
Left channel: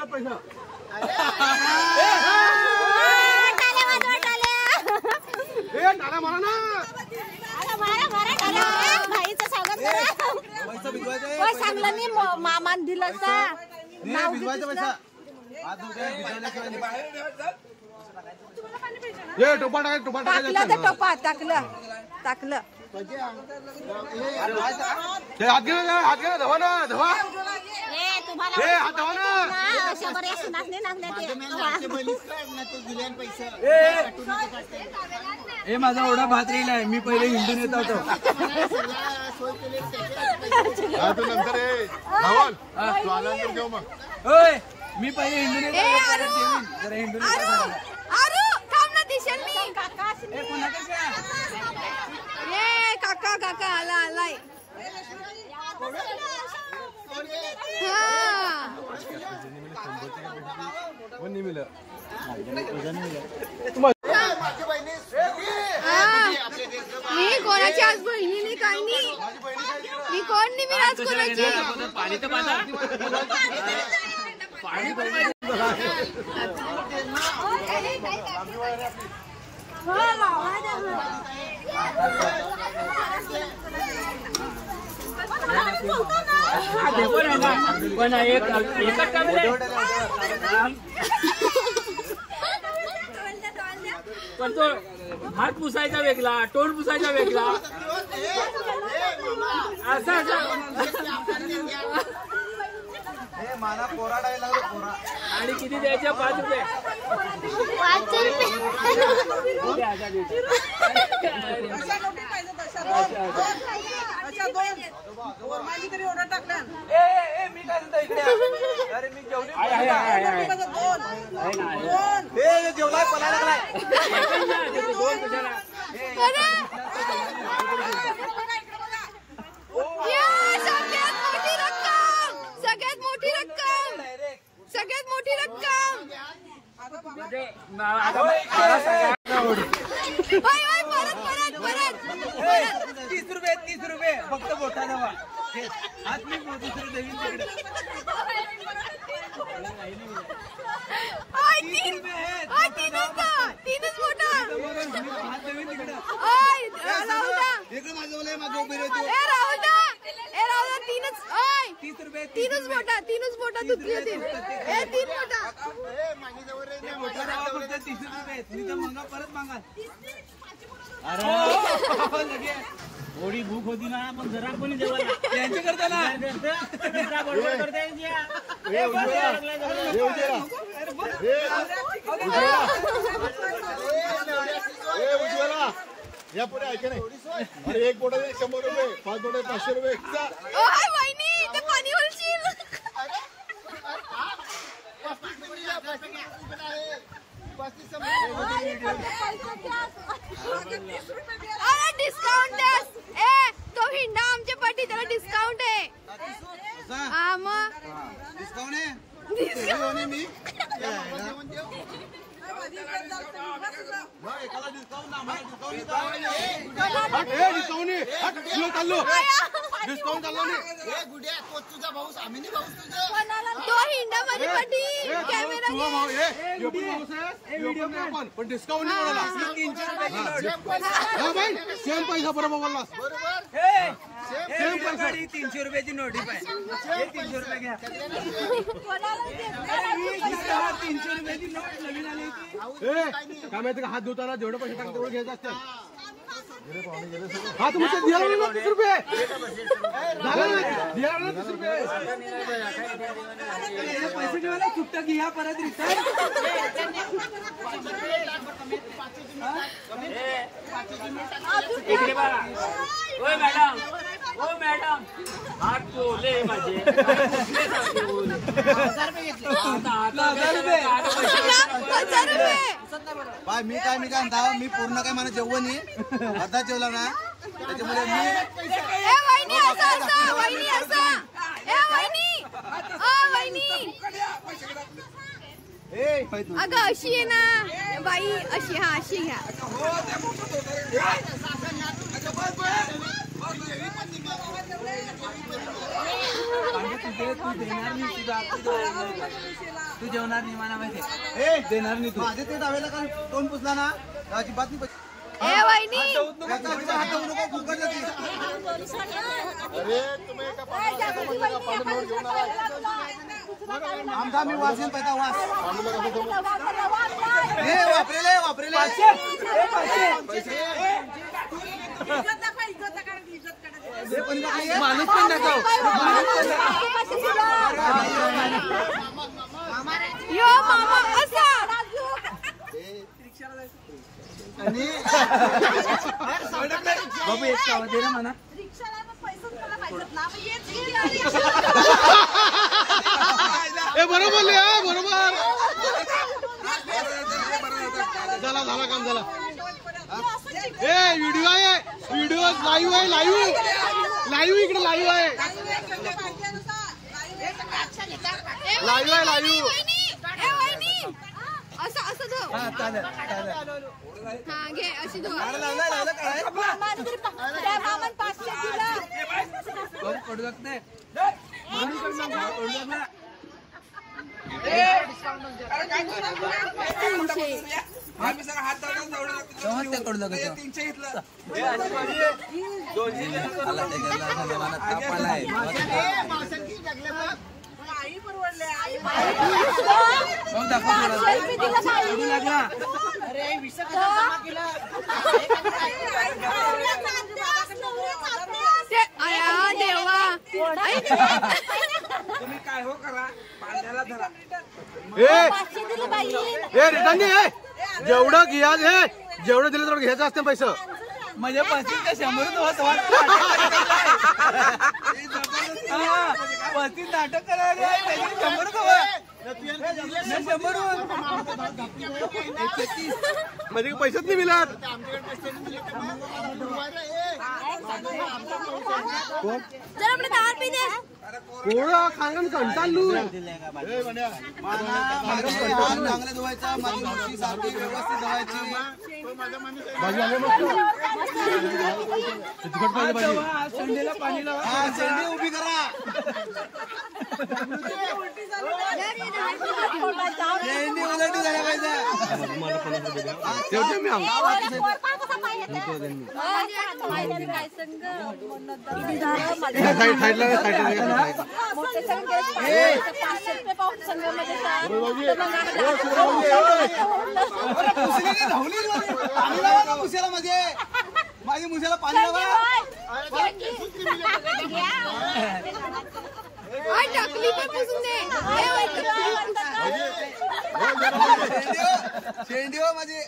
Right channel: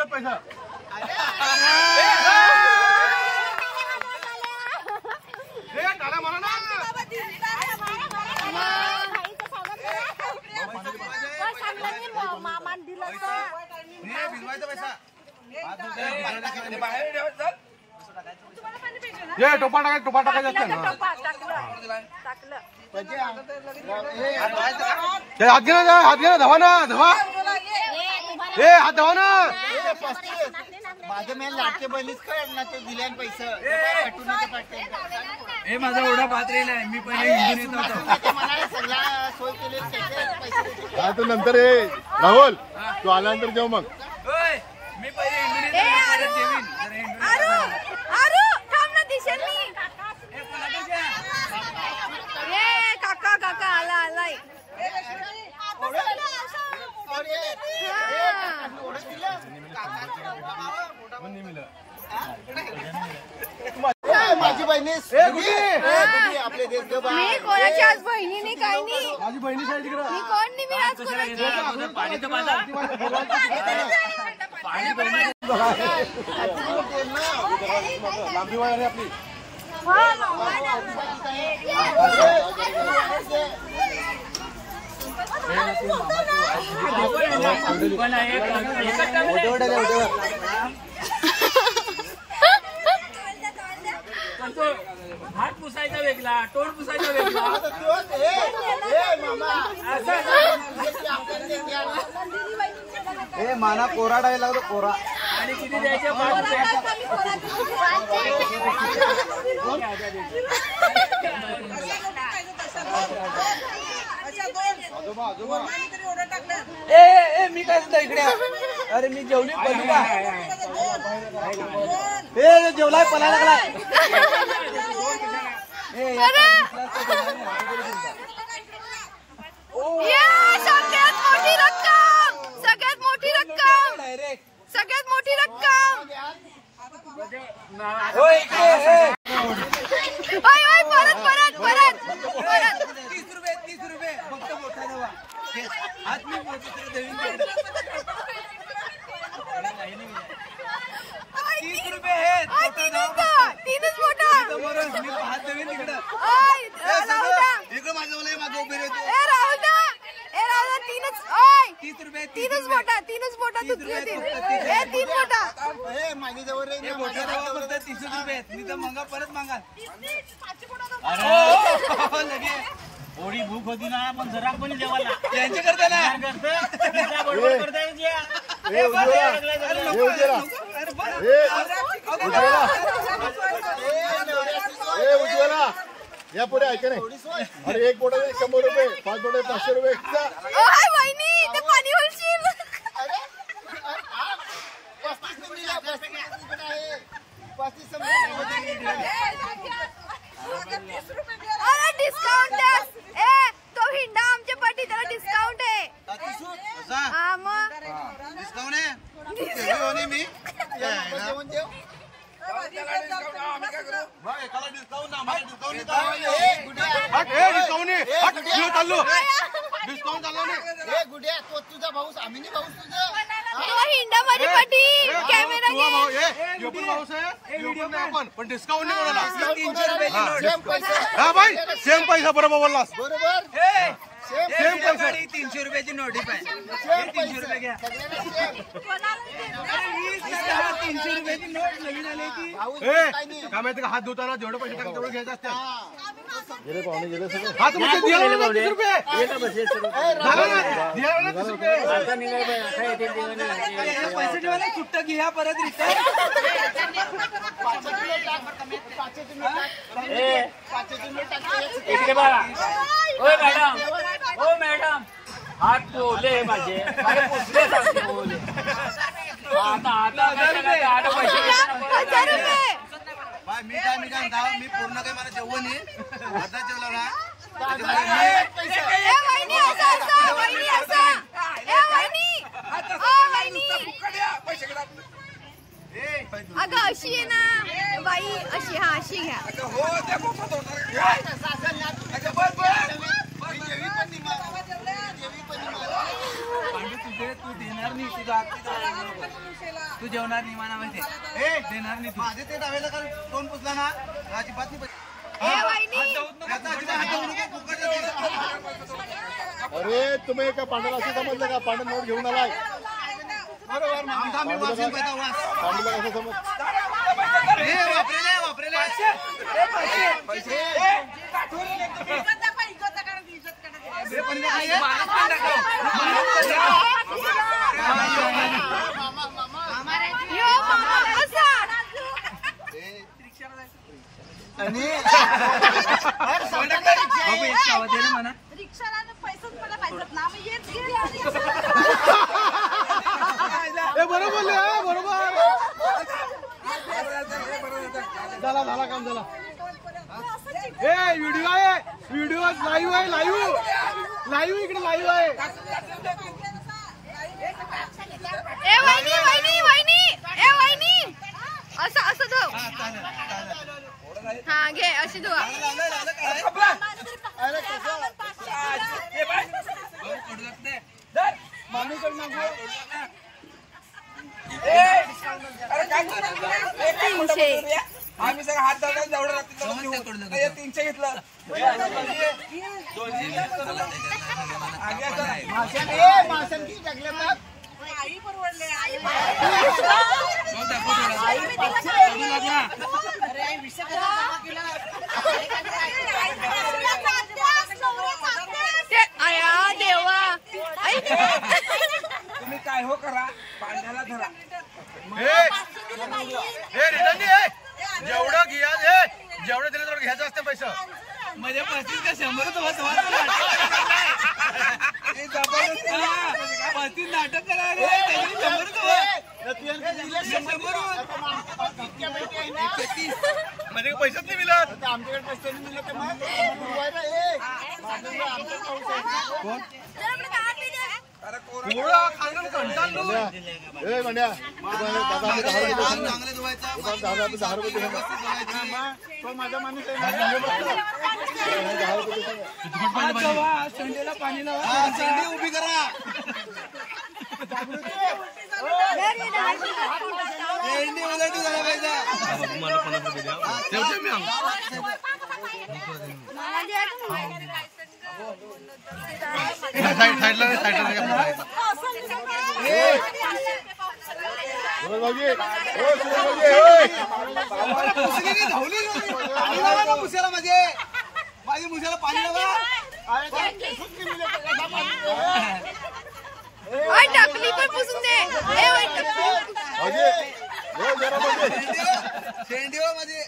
पैसा मामान दिलं ना भिजवायचा पैसा बाहेर ठेवायचा ये टोपा टाकायचा असतं ना टाकलं हात घे ना धावा ना धावा हात धावा ना माझं मेन लाटके बहिणीच कळ ना ते दिले पैसे हे माझा एवढा भात राहिला आहे मी पहिले हिंदून येत होतो सगळा सोय केली काय तू नंतर ये राहुल तू आल्यानंतर जेव मग होय मी पहिले हिंदून ए अरु अरु अरु थांब ना दिशेल ये काका काका आला आलाय माझी बहिणी मी कोणाची आज बहिणी नाही काही नाही मी कोण नाही मी आज कोणाची पाणी तर माझा पाणी पण माझं पण एकच काम हात पुसायचा वेगळा तोंड पुसायचा वेगळा असं हे माना कोरा डायला लागतो कोरा आणि किती द्यायचे 5 रुपये तरी ऑर्डर टाकलं ए मी काय देतो इकडे अरे मी जेवली जेवलाय पळायला लागलाय सगळ्यात मोठी रक्कम सगळ्यात मोठी रक्कम सगळ्यात मोठी रक्कम परत परत परत परत हात मी दुसरं देवीन तिकडे 30 रुपये आहेत. तीनच मोठा मी हात देवीन तिकडं. इकडे माझं मला मागे उभे रे तू. राहुल दा तीनच 30 रुपये. तीनच मोठा तुझी होती. 3 मोठा हे मोठा रवा फक्त 30 रुपये आहेत. मी तर मागा परत मागा. लगे थोडी भूक होती ना पण जरा कोणी जेवायला यांचे करता ना बडबड करताय या पुढे ऐका नाही. अरे एक बोट 100 रुपये, 5 बोट 500 रुपये. वहिनी ते पाणी होलशील. अरे डिस्काउंट तो हिंडा आमच्या पाठी त्याला डिस्काउंट आहे. हा मग डिस्काउंट आहे मी एकाला डिस्काउंट ना आम्हाला डिस्काउंट चाललो डिस्काउंट चाललो नाही. गुड्या तो तुझा भाऊस आम्ही नाही भाऊस तुझा तो हिंडा माझी पाठी कॅमेरा आपण पण डिस्काउंट नाही म्हणाला. 300 रुपयाची नोट. हा भाई सेम पैसा बरोबर बोललास. सेम पैसा 300 रुपयाची नोट आहे. 300 रुपये घ्या. 300 रुपयाची नोट नवीन आली ती. काय माहिती का हात धुताना जेवढे पैसे टाकतात तेवढे घ्यायचे असते. हा तुम्ही दिला ना 30 रुपये झालं ना दिला ना 30 रुपये. पैसे ठेवायला सुट्ट घ्या परत रिटर्न. इकडे बघा. ओय मॅडम हात ठेवले माझे आता मी काय म्हणता मी पूर्ण काय मला जेवण नाही अर्धा जेवला ना वहिनी अगं अशी आहे ना बाई अशी. हा अशी घ्या. तू देणार नाही तुझा तू जेवणार नाही मला माहिती देणार नाही तू. माझे ते डावेला का तोंड पुसला ना अजिबात नाही. वहिनी अरे तुम्ही एका पांढरा म्हणलं का पांढरा नोट घेऊन आला आमचा मी वाचेन पैसा वाच वापरेले माणूस पण दाखव. यो मामा असा बाबू एक चावा दे ना म्हणा. रिक्षाला पैसेच मला पाहिजेत ना मग येत बरोबर बरोबर झाला काम झाला. व्हिडिओ आहे लाईव्ह आहे लाईव्ह इकडे लाईव्ह आहे. वहिनी असं धुव. हा घे अशी धुवा. आम्ही सगळं हात दाखवून जावडं 300 घेतलं. आई परवडले आई अरे 20,000 जमा केलं. आया देवा. तुम्ही काय हो करा पाण्याला धरा. जेवढं घ्या जेवढं दिलं तेवढं घ्यायचं असते पैसे. म्हणजे 35 का 100 होत 35 नाटक करायला 100 म्हणजे पैसेच नाही मिळत. कोळा खांगण कंटाळलो. चांगले धुवायचा व्यवस्थित धुवायची. शेंडीला पाणी लावा. शेंडी उभी करा. शेंडी उलटी झाला पाहिजे. तुम्हाला 50 रुपये द्या. ठेवतो मी साईडला पाणी लावा ना मुसेला. माझी मुसेला पाणी लावा. टकली पण पुसून दे. शेंडी हो माझी.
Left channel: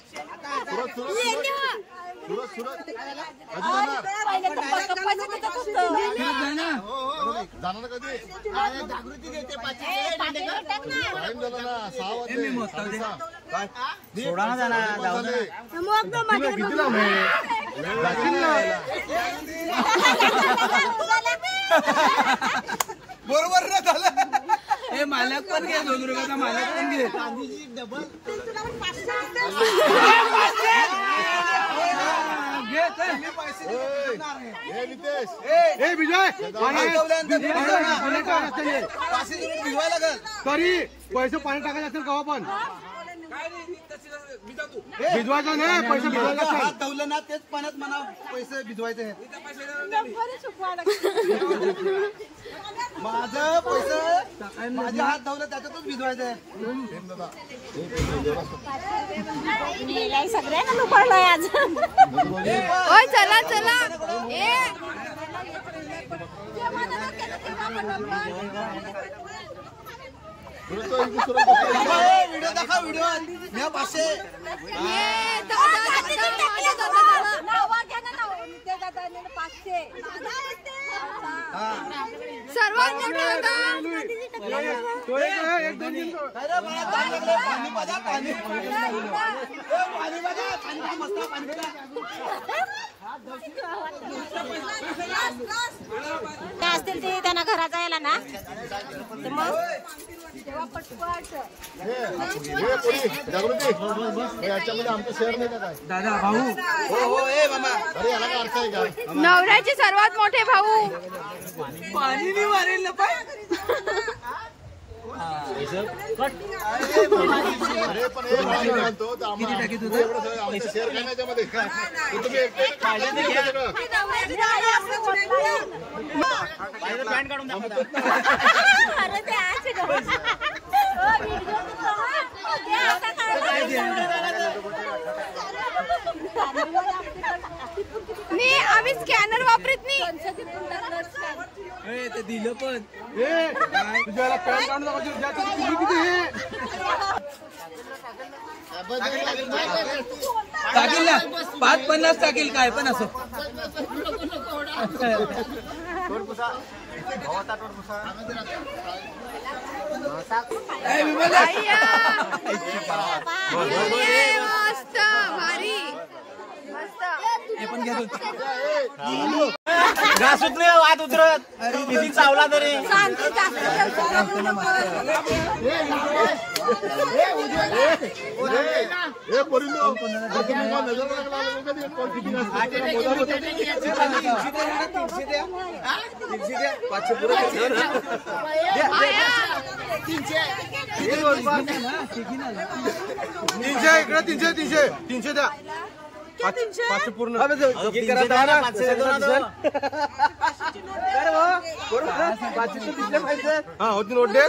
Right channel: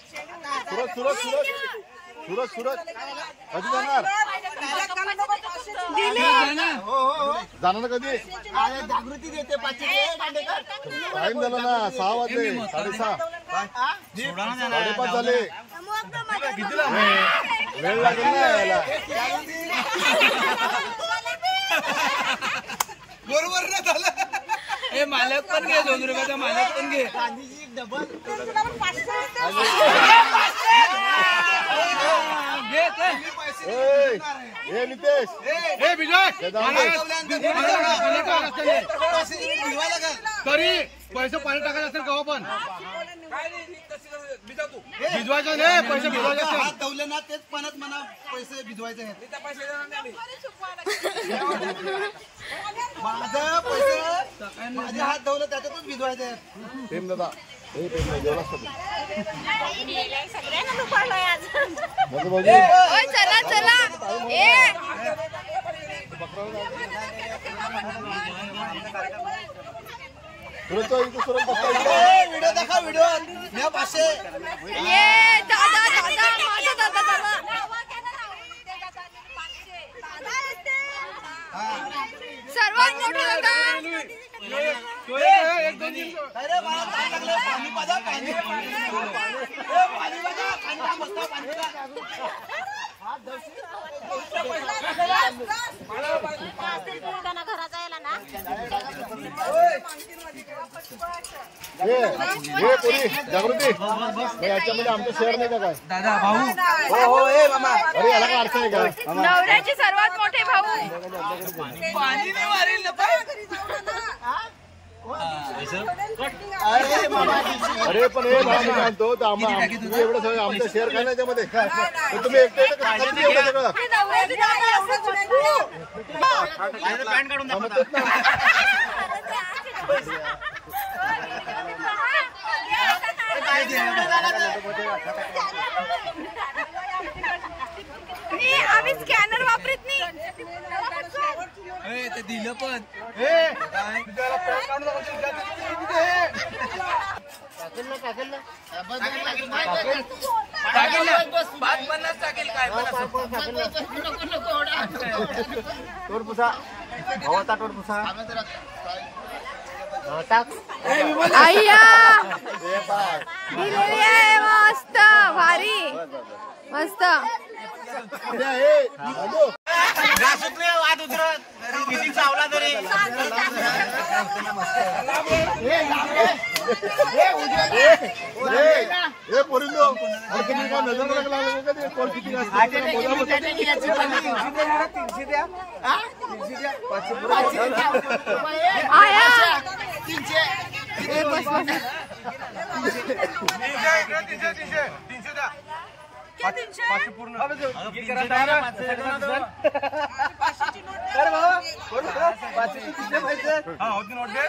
जाणार ना कधी जागृती देते टाइम झाला ना 6 वाजले. कितीला बरोबर ना झालं. हे मालक पण घे. 2 रुपयाचा मालक पण घे. गांधीजी डबल तरी पैसे पाणी टाकायचे असेल कवा पण भिजवायचं नाही. पैसे भिजवायचे हात असेल. धुवलं ना तेच पाण्यात म्हणा पैसे भिजवायचे आहेत. माझं पैसे माझे हात धुवलं त्याच्यातच भिजवायचे आहेत. चला चला. व्हिडिओ दाखवा. व्हिडिओ मी 500. दादा माझा दादा सर्वात मोठा दादा. अरे मला ताण लागले. पाणी पाजा. पाणी पाजा. खांदा मस्त पाणी पाजा. त्यांना घराचा यायला ना जागृती आमचं शेअर नाही का काय दादा भाऊ. हो मामा. अरे याला काय अर्थ आहे का. नवऱ्याचे सर्वात मोठे भाऊ. पाणी नाही मारेल ना पाय. अरे पण म्हणतो एवढं सगळं आमचं शेअर काय नाही त्यामध्ये. तुम्ही एकटे सगळं पॅन्ट काढून दाखवता. मी आम्ही स्कॅनर वापरत नाही. ते दिलं पण. तुझ्याला पॅन्ट काढून दाखवायची. किती हे टाकेल 5-50 टाकेल काय पण असं. अय्या मस्त भारी मस्त. वाद उतरत किती चावला तरी तीनशे द्या. 500 पूर्ण. हा होती नोट दे.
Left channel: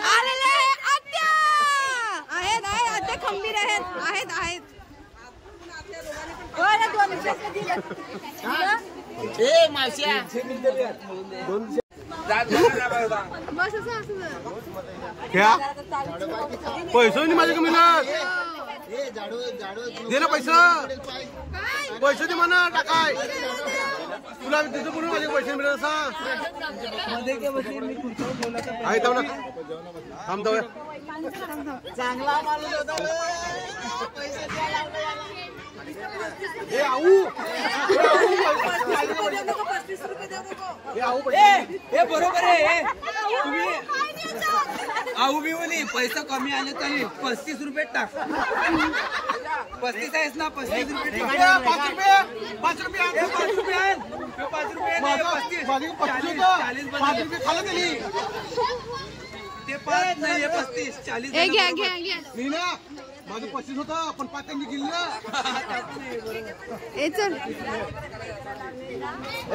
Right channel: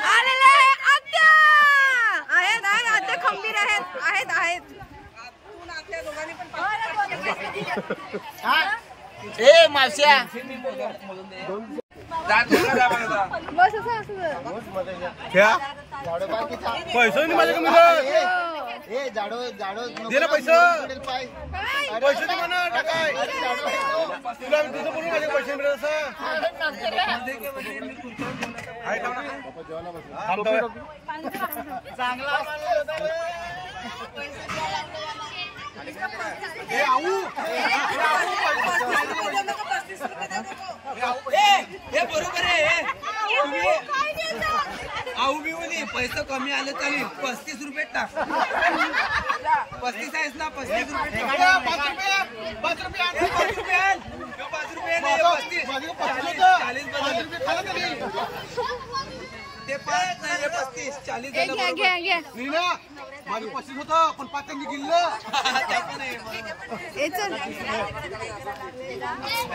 आलेले आत्या आहेत आत्या खंबीर आहेत. मावश्या क्या पैसे नाही माझ्या कमी. हे जाडो दे ना पैसा पाय पैसे दे म्हणा टाकाय तुला तुझं बोलून माझे पैसे मिळेल असं आहे थांबतो चांगला माणूस होता रे. हे आऊ हे बरोबर आहे आऊ बी बोली पैसा कमी आले चालेल 35 रुपये टाक 35 आहेस ना 35 रुपये टाक. 5 रुपये आण. 5 रुपये नाही, 35 40 खाला त्याने ते 5 नाही 35 40 घ्या घ्या घ्या नाही ना माझं 25 होतं पण 5 त्यांनी गिल्लं त्या पण आहे बरोबर. ए चल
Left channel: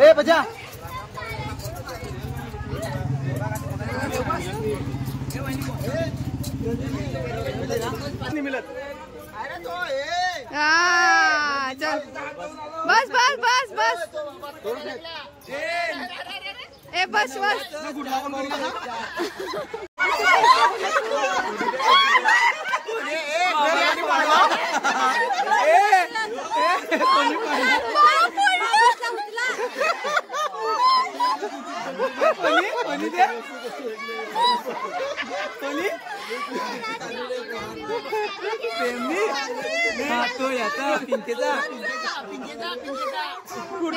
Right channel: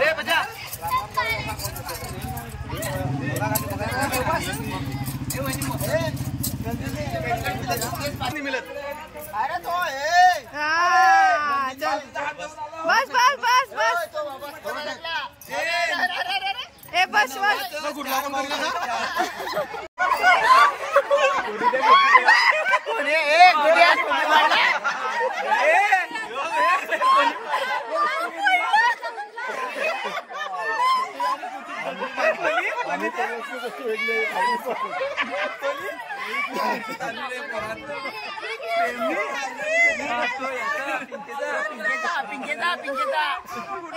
ए बजा नाही मिळत अरे तो हा चल बस बस बस बस ए बस बस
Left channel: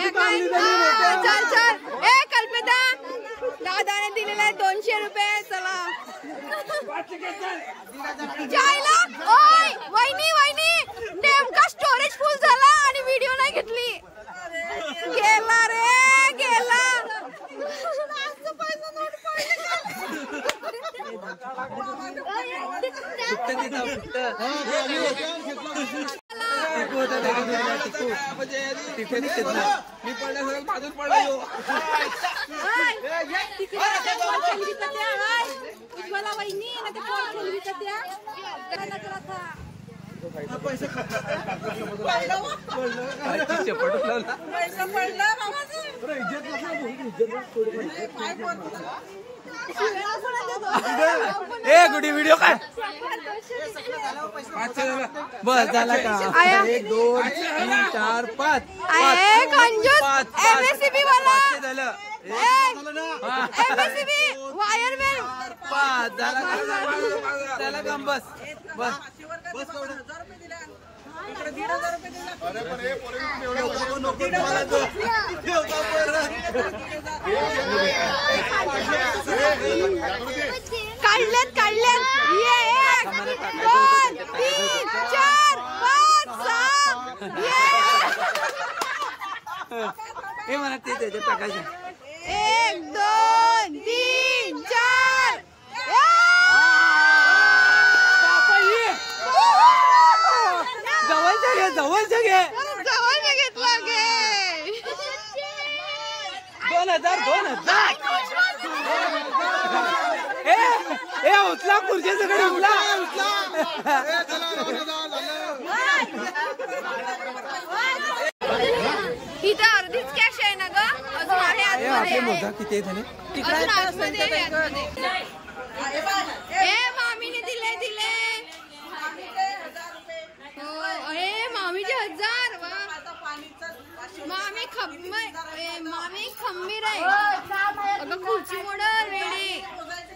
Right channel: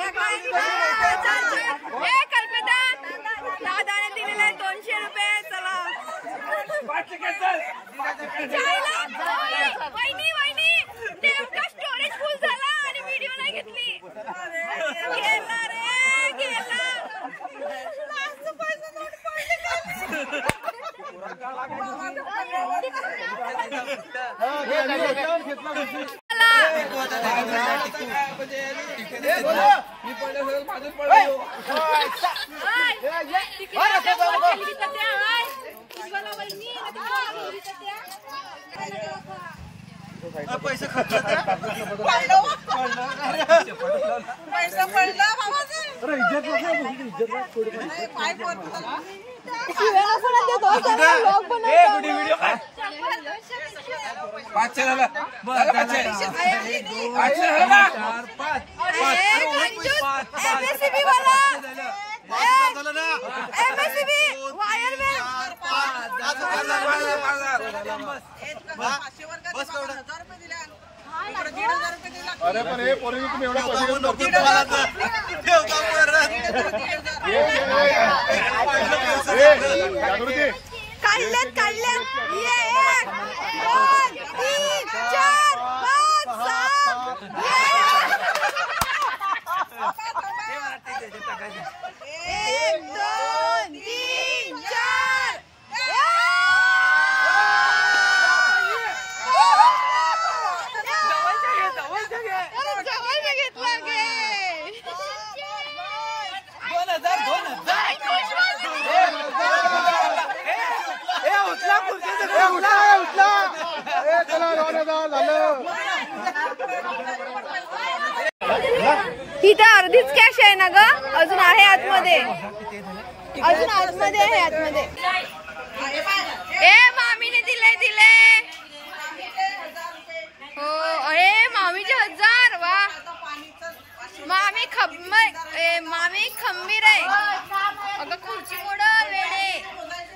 चल चल ए कल्पिता दादाने दिलेला आहे 200 रुपये चला जायला ओय वहिनी वहिनी नेमका स्टोरेज फुल झाला आणि व्हिडिओ नाही घेतली गेला रे गेला पैसा नोट पडले मी पडल्या सगळं बाजून पडला येऊ पैसे खर्च पैसा पडला व्हिडिओ काय 5 झाला बस झाला आया 1 2 3 4 5 कंजूस एमएससीबी वाला एमएससीबी वायरमॅन बस इकडे 1,500 रुपये दिला अरे पण हे पूर्वी तुम्ही एवढ्या काढलेत काढलेत ये 1 2 3 4 5 6 ये 1 2 3 4 जवळच्या घे जवळ घेतला गे 2000 उचला खुर्ची सगळं उचला इथे अर्धीच कॅश आहे ना ग अजून आहे आतमध्ये किती झाले अजून आतमध्ये आहे आतमध्ये ए मामीने दिले हो अरे मामीचे 1000 वा मामी खंबीर आहे अगं खुर्ची मोड वेडे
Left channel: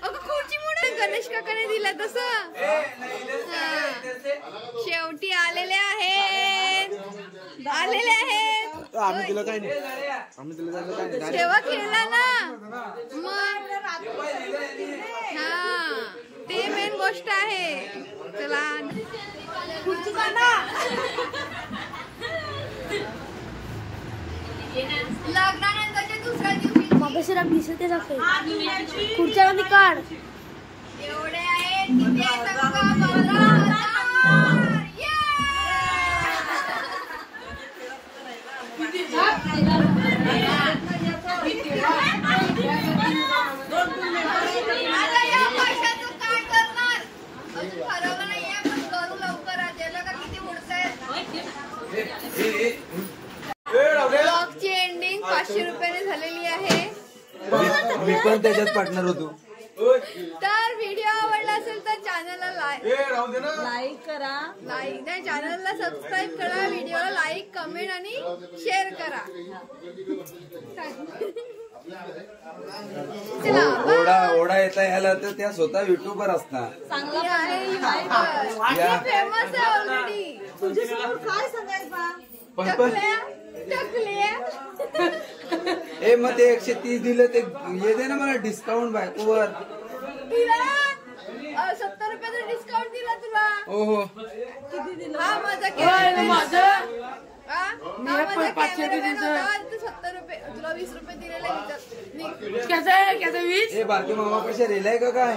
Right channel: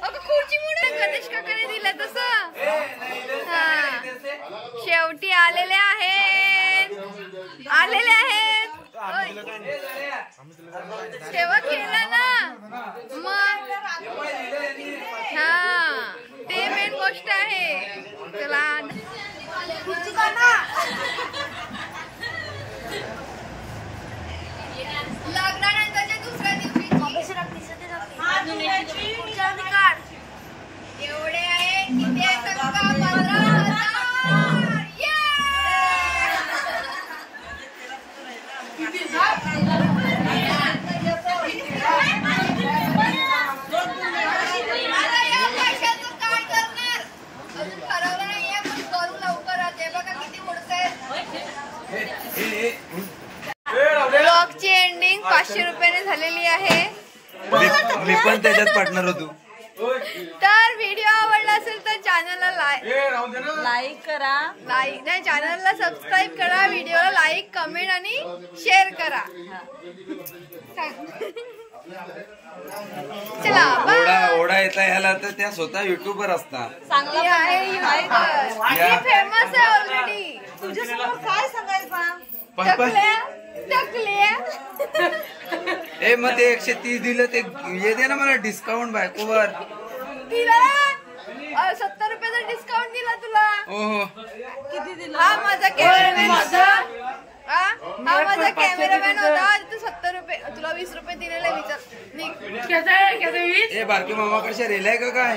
अगं खुर्ची मोड गणेश काकाने दिला तसं हा शेवटी आलेले आहेत तेव्हा केला ना मग हा ते मेन गोष्ट आहे चला लग्नानंतरच्या दुसऱ्या दिवशी पुढच्या काढ एवढे आहेत किती आहेत बघा 15,000 आता या पैशाचं काय करणार अजून ठरवलं नाहीये पण करू लवकरच हे बघा किती उडतायत ब्लॉगची एंडिंग 500 रुपयाने झालेली आहे मी पण त्याच्यात पार्टनर होतो तर व्हिडिओ आवडला असेल तर चॅनलला लाईक लाईक करा. लाईक नाही, चॅनलला सबस्क्राईब करा, व्हिडिओला लाईक, कमेंट आणि शेअर करा. चला ओढा येता ह्याला तर त्या स्वतः युट्यूबर असणार. चांगला आहे फेमस आहे ऑलरेडी. तुझ्यासमोर काय सांगायचं? ए मग ते 130 दिलं ते ये दे ना मला डिस्काउंट बायकोवर. दिला 70 रुपयाचा डिस्काउंट दिला तुला. ओहो किती दिलं? हा माझा कॅमेरामॅन होता. हा माझा कॅमेरामॅन होता. 70 रुपये तुला 20 रुपये दिलेले. विचार ए बारके मामाकडच्या रेलाय का काय?